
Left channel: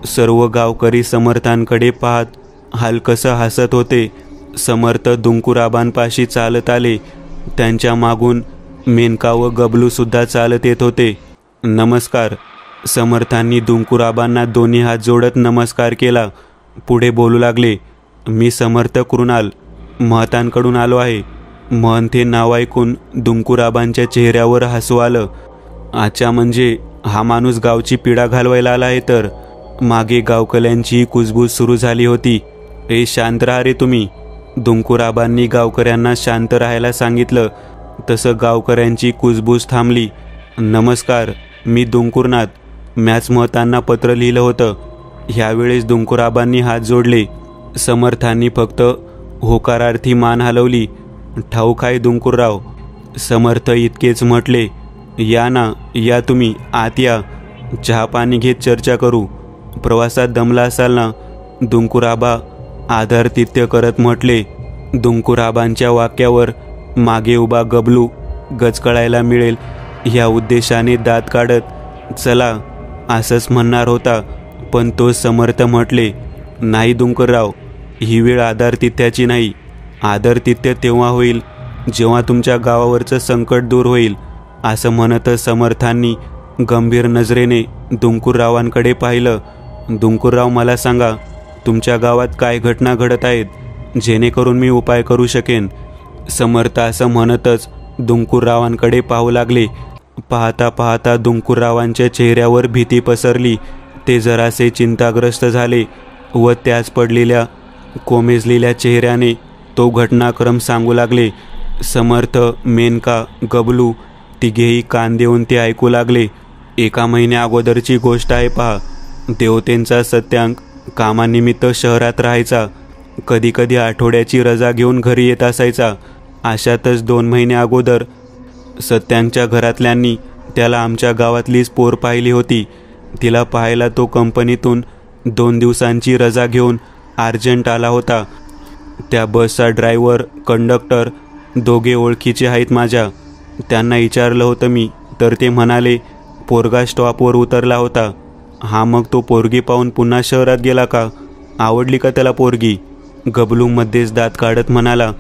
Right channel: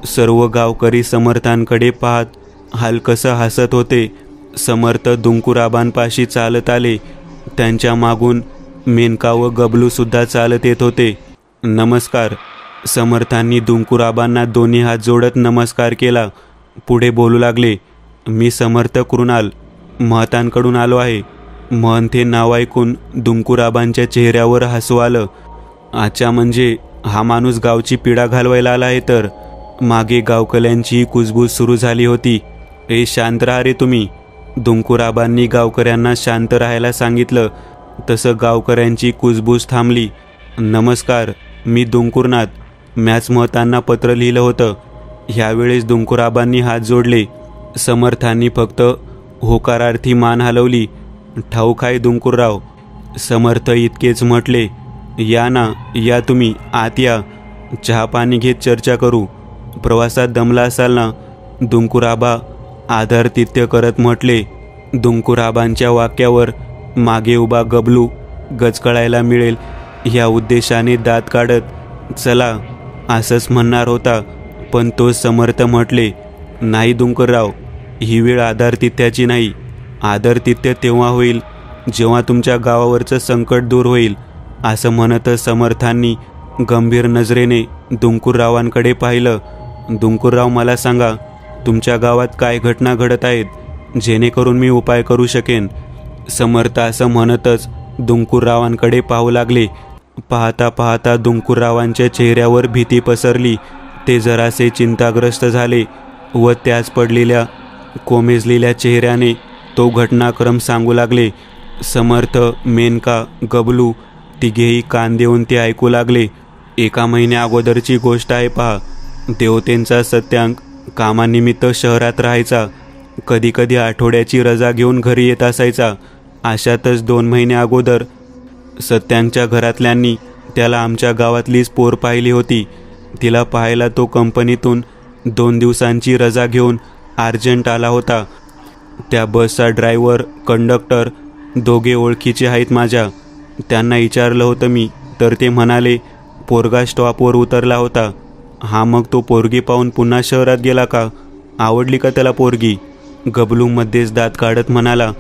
सर्व गावकरी समर्थांकडे पाहत हलकसं हसत होते. समर्थ दुंकूराबांपाशी चालत आले. त्यांच्या मागून मेनका व गबलू सुद्धा चालत येत होते. नमस्कार. समर्थांनी दुंकूराबांना दोन्ही हात जोडत नमस्कार केला. पुढे बोलू लागले. मी समर्थ कृणाल महतांकडून आलो आहे. महंत हे नाव ऐकून दुंकूराबांच्या चेहऱ्यावर हसू आलं. अच्छा, म्हणजे हा माणूस गावची पीडा घालवायला आला आहे तर. मागे गावकऱ्यांची कुजबूज सुरू झाली होती. शांत राहा रे तुम्ही. दुंकूराबांनी गावकऱ्यांना शांत राहायला सांगितलं. तसं गावकऱ्यांची कुजबूज थांबली. नमस्कार, मी दुंकूरनाथ. मॅच महतांना पत्र लिहिलं होतं. ह्यावेळेस दुंकूराबांनी हात जोडले. समर्थांनी फक्त होकारार्थी मान हलवली. ठाऊक आहे दुंकूरराव. समर्थ इतकेच म्हटले. या ना, या तुम्ही आत या. चहा पाणी घेत चर्चा करू. प्रवासात दमला असाल ना, दुंकूराबा आदरातिथ्य करत म्हटले. दुंकूराबांच्या वाक्यावर मागे उभा गबलू गचकळायला मिळेल ह्या उद्देशाने दात काढत चला असंच म्हणणार होता, पण तो समर्थ म्हटले. नाही दुंकूरराव, ही वेळ आदरातिथ्याची नाही. आदरातिथ्य तेव्हा होईल जेव्हा तुमच्या गावावरचं संकट दूर होईल. असं म्हणतच समर्थांनी गंभीर नजरेने दुंकूररावांकडे पाहिलं. दुंकूरराव, मला सांगा, तुमच्या गावात काय घटना घडत आहेत, जेणेकरून मी उपाय करू शकेन. समर्थ असं म्हणतच दुंकूररावांकडे पाहू लागले. पाहता पाहता दुंकूररावांच्या चेहऱ्यावर भीती पसरली. ते जरासे चिंताग्रस्त झाले व त्याच पडलेल्या कोमेजलेल्या चेहऱ्याने तो घटनाक्रम सांगू लागले. समर्थ, मेनका, गबलू तिघेही कान देऊन ते ऐकू लागले. 1 महिन्या अगोदरची गोष्ट आहे पहा. देवतेंचा सत्यांक कामानिमित्त शहरात राहायचा. कधी कधी आठवड्याची रजा घेऊन घरी येत असायचा. अशातच 2 महिन्या अगोदर सत्यांकच्या घरातल्यांनी त्याला आमच्या गावातलीच पोर पाहिली होती. तिला पाहायला तो कंपनीतून 2 दिवसांची रजा घेऊन अर्जंट आला होता. त्या बसचा ड्रायव्हर, कंडक्टर दोघे ओळखीचे आहेत माझ्या. त्यांना विचारलं होतं मी, तर ते म्हणाले पोरगा स्टॉपवर उतरला होता. हा, मग तो पोरगी पाहून पुन्हा शहरात गेला का? आवडली का त्याला पोरगी? गबलू मध्येच दात काढत म्हणाला.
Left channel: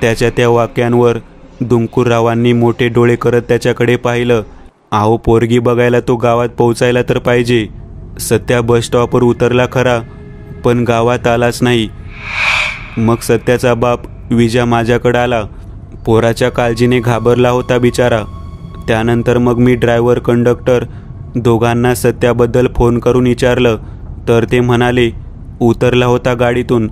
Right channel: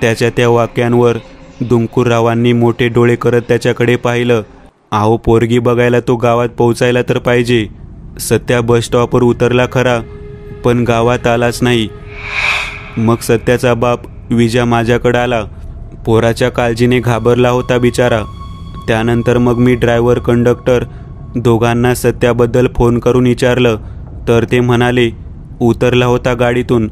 त्याच्या त्या वाक्यांवर दुंकूररावांनी मोठे डोळे करत त्याच्याकडे पाहिलं. अहो, पोरगी बघायला तो गावात पोहोचायला तर पाहिजे. सत्या बस स्टॉपवर उतरला खरा, पण गावात आलाच नाही. मग सत्याचा बाप विजा माझ्याकडे आला. पोराच्या काळजीने घाबरला होता बिचारा. त्यानंतर मग मी ड्रायव्हर, कंडक्टर दोघांना सत्याबद्दल फोन करून विचारलं, तर ते म्हणाले उतरला होता गाडीतून.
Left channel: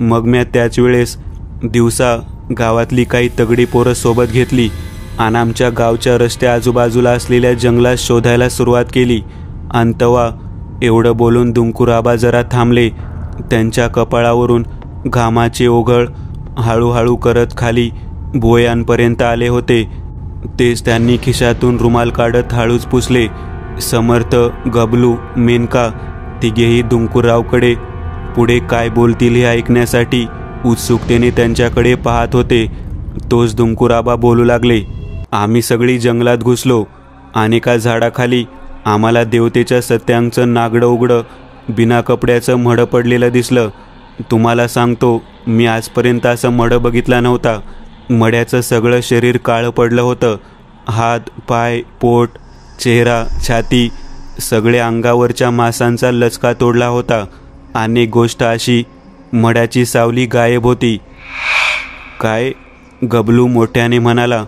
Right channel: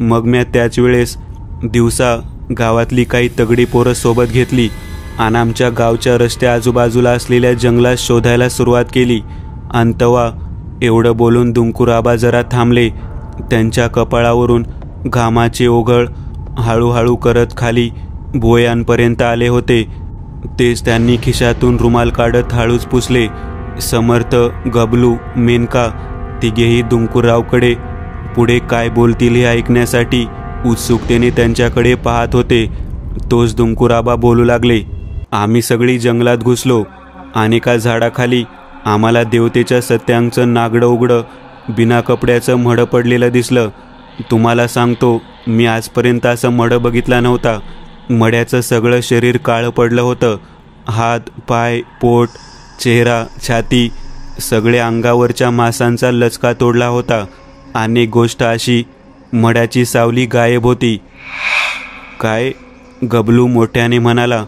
मग मी त्याच वेळेस दिवसा गावातली काही तगडी पोरं सोबत घेतली आणि आमच्या गावच्या रस्त्या आजूबाजूला असलेल्या जंगलात शोधायला सुरुवात केली. अंतवा एवढं बोलून दुंकूराबा जरा थांबले त्यांच्या कपाळावरून घामाचे ओघळ हळूहळू करत खाली भुवयांपर्यंत आले होते. तेच त्यांनी खिशातून रुमाल काढत हळूच पुसले. समर्थ, गबलू, मेनका तिघेही दुंकूरावकडे पुढे काय बोलतील हे ऐकण्यासाठी उत्सुकतेने त्यांच्याकडे पाहत होते. तोच दुंकूराबा बोलू लागले. आम्ही सगळी जंगलात घुसलो आणि एका झाडाखाली आम्हाला देवतेच्या सत्यांचं नागडं उघडं बिना कपड्याचं मढं पडलेलं दिसलं. तुम्हाला सांगतो, मी आजपर्यंत असं मढं बघितला नव्हता. मड्याचं सगळं शरीर काळं पडलं होतं. हात, पाय, पोट, चेहरा, छाती सगळे अंगावरच्या मांसांचा लचका तोडला होता. आणि गोष्ट अशी, मड्याची सावली गायब होती. काय? गबलू मोठ्याने म्हणाला.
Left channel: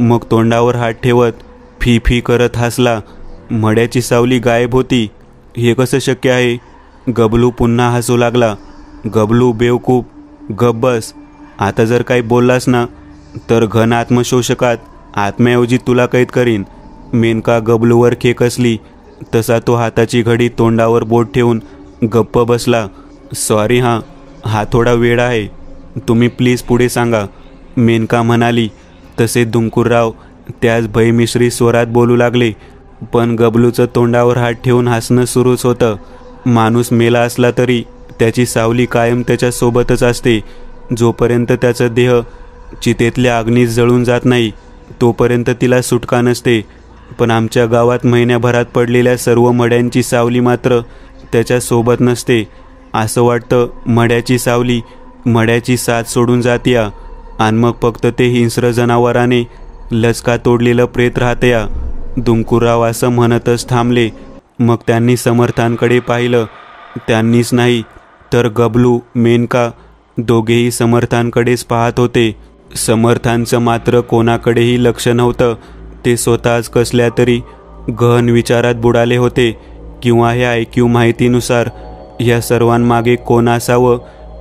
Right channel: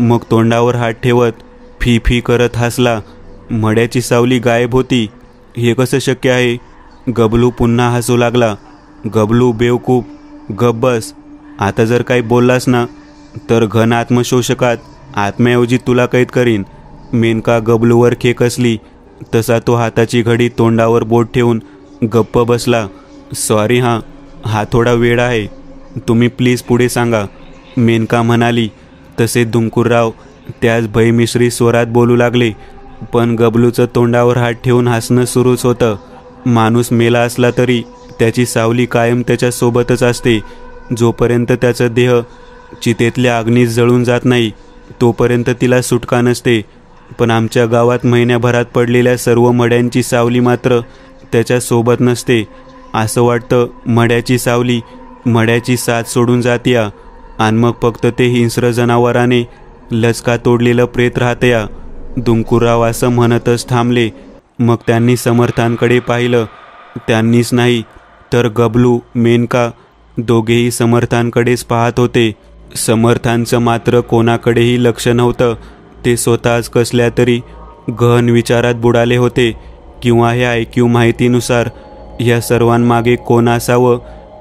मग तोंडावर हात ठेवत फी फी करत हसला. मड्याची सावली गायब होती? हे कसं शक्य आहे? गबलू पुन्हा हसू लागला. गबलू बेवकूफ, गप बस. आता जर काही बोललास ना तर घन आत्मशोषकात आत्म्याऐवजी तुला कैद करीन. मेनका गबलूवर खेकसली. तसा तो हाताची घडी तोंडावर बोट ठेवून गप्प बसला. सॉरी हां, हा थोडा वेळ आहे. तुम्ही प्लीज पुढे सांगा, मेनका म्हणाली. तसे दुंकूरराव त्याच भयमिश्री स्वरात बोलू लागले. पण गबलूचं तोंडावर हात ठेवून हसणं सुरूच होतं. माणूस मेला असला तरी त्याची सावली कायम त्याच्या सोबतच असते. जोपर्यंत त्याचा देह चितेतल्या अग्नीत जळून जात नाही तोपर्यंत तिला सुटका नसते. पण आमच्या गावात महिन्याभरात पडलेल्या सर्व मड्यांची सावली मात्र त्याच्या सोबत नसते. असं वाटतं मड्याची सावली मड्याची साथ सोडून जातीया आणि मग फक्त ते हिंस्र जनावराने लचका तोडलेलं प्रेत राहतया. दुंकूरराव असं म्हणतच थांबले. मग त्यांनी समर्थांकडे पाहिलं. त्यांनीच नाही तर गबलू, मेनका दोघेही समर्थांकडेच पाहत होते. समर्थांचं मात्र कोणाकडेही लक्ष नव्हतं. ते स्वतःच कसल्या तरी गहन विचारात बुडाले होते. किंवा ह्या ऐकीव माहितीनुसार ह्या सर्वांमागे कोण असावं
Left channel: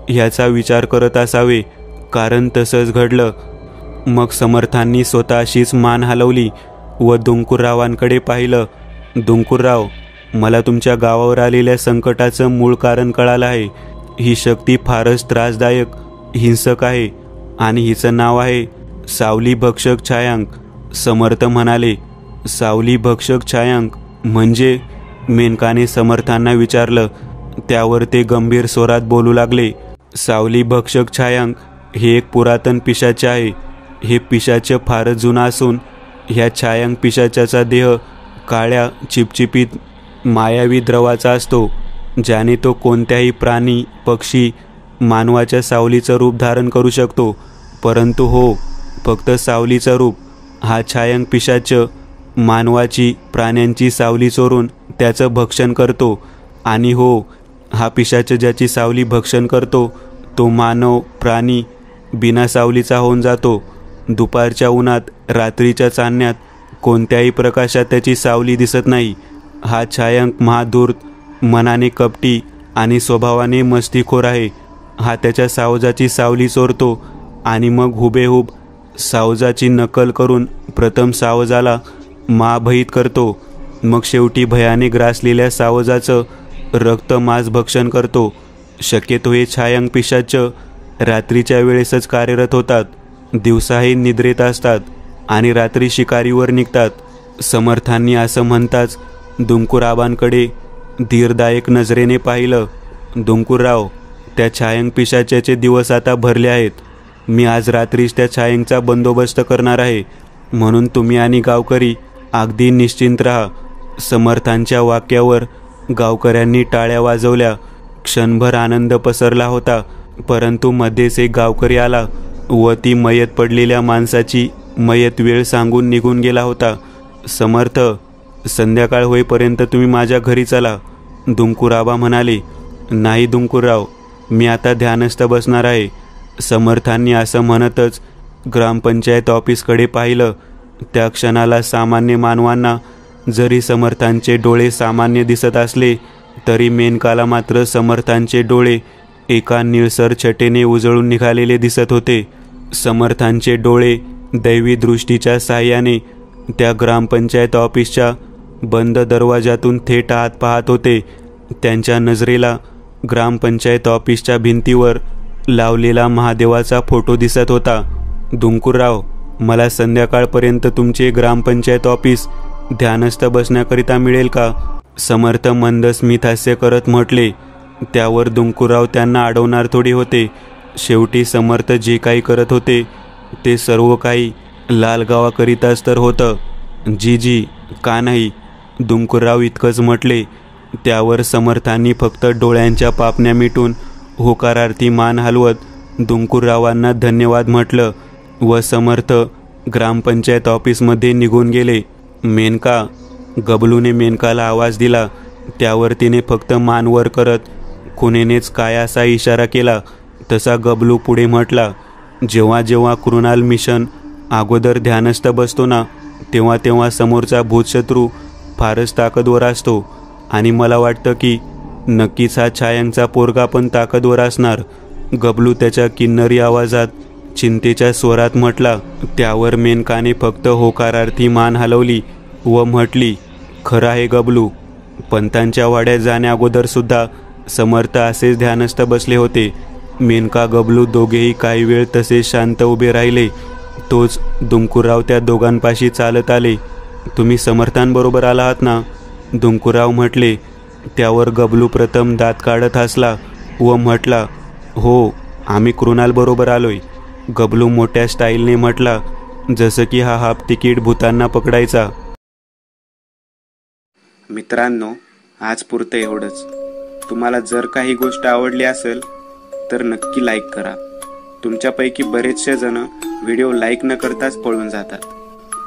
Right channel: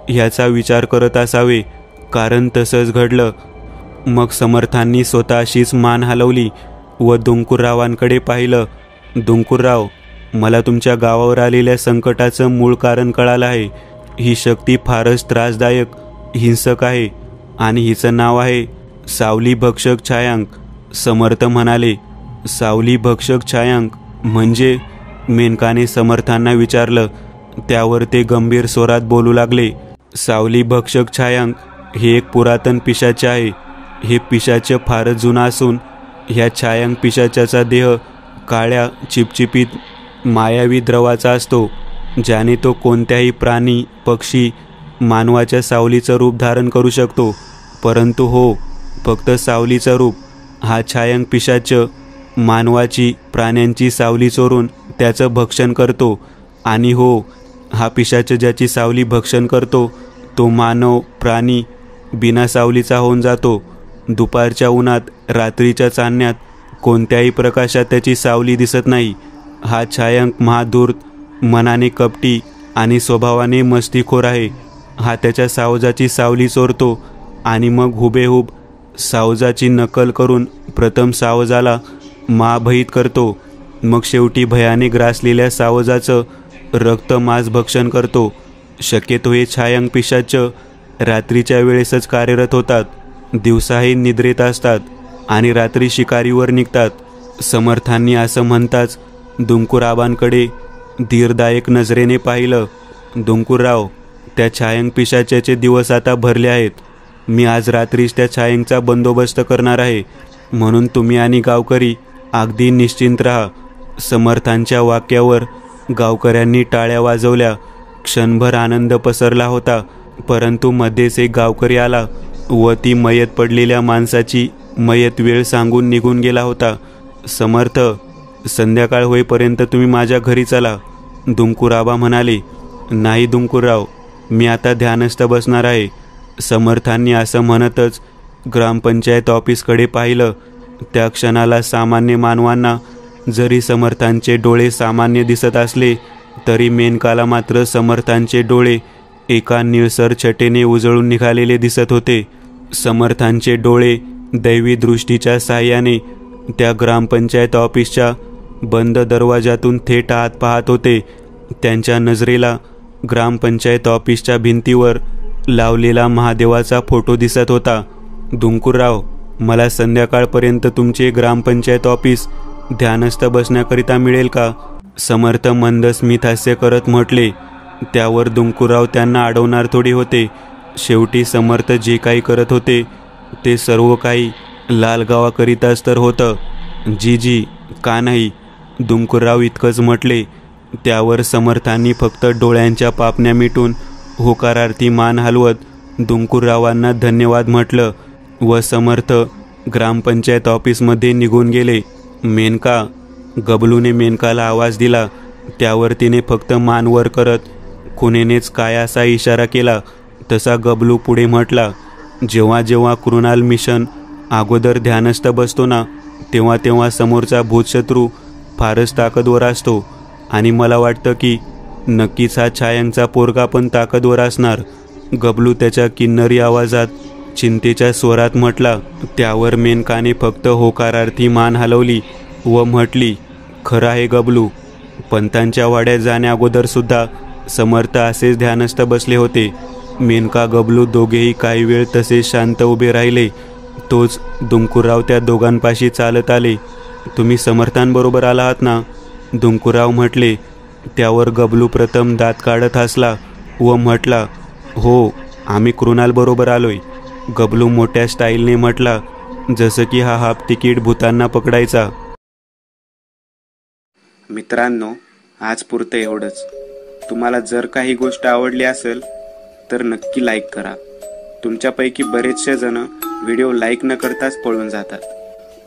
ह्याचा विचार करत असावे, कारण तसंच घडलं. मग समर्थांनी स्वतःशीच मान हलवली व दुंकूररावांकडे पाहिलं. दुंकूरराव, मला तुमच्या गावावर आलेल्या संकटाचं मूळ कारण कळालं आहे. ही शक्ती फारच त्रासदायक, हिंसक आहे आणि हिचं नाव आहे सावली भक्षक छायांक. समर्थ म्हणाले. सावली भक्षक छायांक म्हणजे? मेनकाने समर्थांना विचारलं. त्यावर ते गंभीर स्वरात बोलू लागले. सावली भक्षक छायांक हे एक पुरातन पिशाच आहे. हे पिशाच फारच जुना असून ह्या छायांक पिशाच्याचा देह काळ्या चिपचिपीत मायावी द्रवाचा असतो, ज्याने तो कोणत्याही प्राणी, पक्षी, मानवाच्या सावलीचं रूप धारण करू शकतो. परंतु हो, फक्त सावलीचं रूप. हा छायांक पिशाच मानवाची, प्राण्यांची सावली चोरून त्याचं भक्षण करतो. आणि हो, हा पिशाच ज्याची सावली भक्षण करतो तो मानव, प्राणी बिना सावलीचा होऊन जातो. दुपारच्या उन्हात, रात्रीच्या चांदण्यात कोणत्याही प्रकाशात त्याची सावली दिसत नाही. हा छायांक महाधूर्त, मनाने कपटी आणि स्वभावाने मस्तीखोर आहे. हा त्याच्या सावजाची सावली चोरतो आणि मग हुबेहूब सावजाची नकल करून प्रथम सावजाला महाभयित करतो. मग शेवटी भयाने ग्रासलेल्या सावजाचं रक्त मांस भक्षण करतो. शक्यतो हे छायांक पिशाच रात्रीच्या वेळेसच कार्यरत होतात. दिवसाही निद्रेत असतात आणि रात्री शिकारीवर निघतात. समर्थांनी असं म्हणताच दुंकूरावांकडे धीरदायक नजरेने पाहिलं. दुंकूरराव, त्या छायांक पिशाच्याचे दिवस आता भरले आहेत. मी आज रात्रीच त्या छायांकचा बंदोबस्त करणार आहे, म्हणून तुम्ही आणि गावकरी अगदी निश्चिंत राहा. समर्थांच्या वाक्यावर गावकऱ्यांनी टाळ्या वाजवल्या. क्षणभर आनंद पसरला होता. परंतु मध्येच एक गावकरी आला व ती मयत पडलेल्या माणसाची मयत वेळ सांगून निघून गेला होता. समर्थ, संध्याकाळ होईपर्यंत तुम्ही माझ्या घरी चला, दुंकूराबा म्हणाले. नाही दुंकूरराव, मी आता ध्यानस्थ बसणार आहे. समर्थांनी असं म्हणतच ग्रामपंचायत ऑफिसकडे पाहिलं. त्या क्षणाला सामान्य मानवांना जरी समर्थांचे डोळे सामान्य दिसत असले तरी मेनकाला मात्र समर्थांचे डोळे एका निळसर छटेने उजळून निघालेले दिसत होते. समर्थांचे डोळे दैवी दृष्टीच्या साहाय्याने त्या ग्रामपंचायत ऑफिसच्या बंद दरवाजातून थेट आत पाहत होते. त्यांच्या नजरेला ग्रामपंचायत ऑफिसच्या भिंतीवर लावलेला महादेवाचा फोटो दिसत होता. दुंकूरराव, मला संध्याकाळपर्यंत तुमचे ग्रामपंचायत ऑफिस ध्यानस्थ बसण्याकरिता मिळेल का? समर्थ मंद स्मित हास्य करत म्हटले. त्यावर दुंकूरराव त्यांना अडवणार थोडी होते. शेवटी समर्थ जे काही करत होते ते सर्व काही लालगावाकरिताच तर होतं. जी का नाही, दुंकूरराव इतकंच म्हटले. त्यावर समर्थांनी फक्त डोळ्यांच्या पापण्या मिटून होकारार्थी मान हलवत दुंकूररावांना धन्यवाद म्हटलं व समर्थ ग्रामपंचायत ऑफिसमध्ये निघून गेले. मेनका, गबलूने मेनकाला आवाज दिला. त्यावर तिने फक्त मान वर करत खुनेनेच काय असा इशारा केला तसा गबलू पुढे म्हटला. जेव्हा जेव्हा कृणाल मिशन अगोदर ध्यानस्थ बसतो ना, तेव्हा तेव्हा समोरचा भूतशत्रू फारच ताकदवर असतो आणि मला वाटतं की नक्कीच हा छायांचा पोरगा पण ताकदवर असणार, गबलू त्याच्या किन्नरी आवाजात चिंतेच्या स्वरात म्हटला. त्यावर मेनकाने फक्त होकारार्थी मान हलवली व म्हटली, खरं आहे गबलू, पंतांच्या वाड्यात जाण्या अगोदर सुद्धा समर्थ असेच ध्यानस्थ बसले होते. मेनका गबलू दोघेही काही वेळ तसेच शांत उभे राहिले. तोच दुंकूरराव त्या दोघांपाशी चालत आले. तुम्ही समर्थांबरोबर आला आहात ना? दुंकूरराव म्हटले. त्यावर गबलू प्रथम दात काढत हसला व म्हटला, हो, आम्ही कृणाल बरोबर आलोय. गबलू मोठ्या स्टाईलने म्हटला, जसं की हा हाफ तिकीट भूतांना पकडायचा. मित्रांनो, आज पुरतं एवढंच. तुम्हाला जर काही गोष्ट आवडली असेल तर नक्की लाईक करा. तुमच्यापैकी बरेचसे जण व्हिडिओ लाईक न करताच पळून जातात,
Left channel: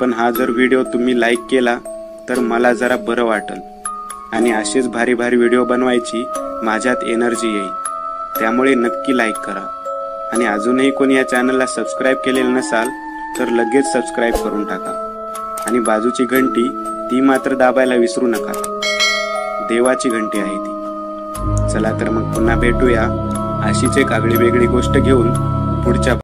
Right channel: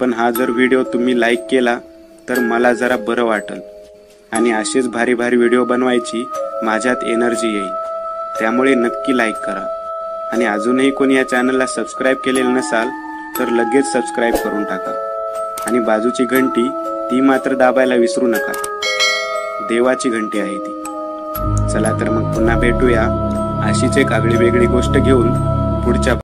पण हा जर व्हिडिओ तुम्ही लाईक केला तर मला जरा बरं वाटेल आणि असेच भारी भारी व्हिडिओ बनवायची माझ्यात एनर्जी येईल. त्यामुळे नक्की लाईक करा आणि अजूनही कोणी या चॅनलला सबस्क्राईब केलेलं नसाल तर लगेच सबस्क्राईब करून टाका आणि बाजूची घंटी ती मात्र दाबायला विसरू नका. देवाची घंटी आहे ती. चला तर मग पुन्हा भेटूया अशीच एक आगळी वेगळी गोष्ट घेऊन पुढच्या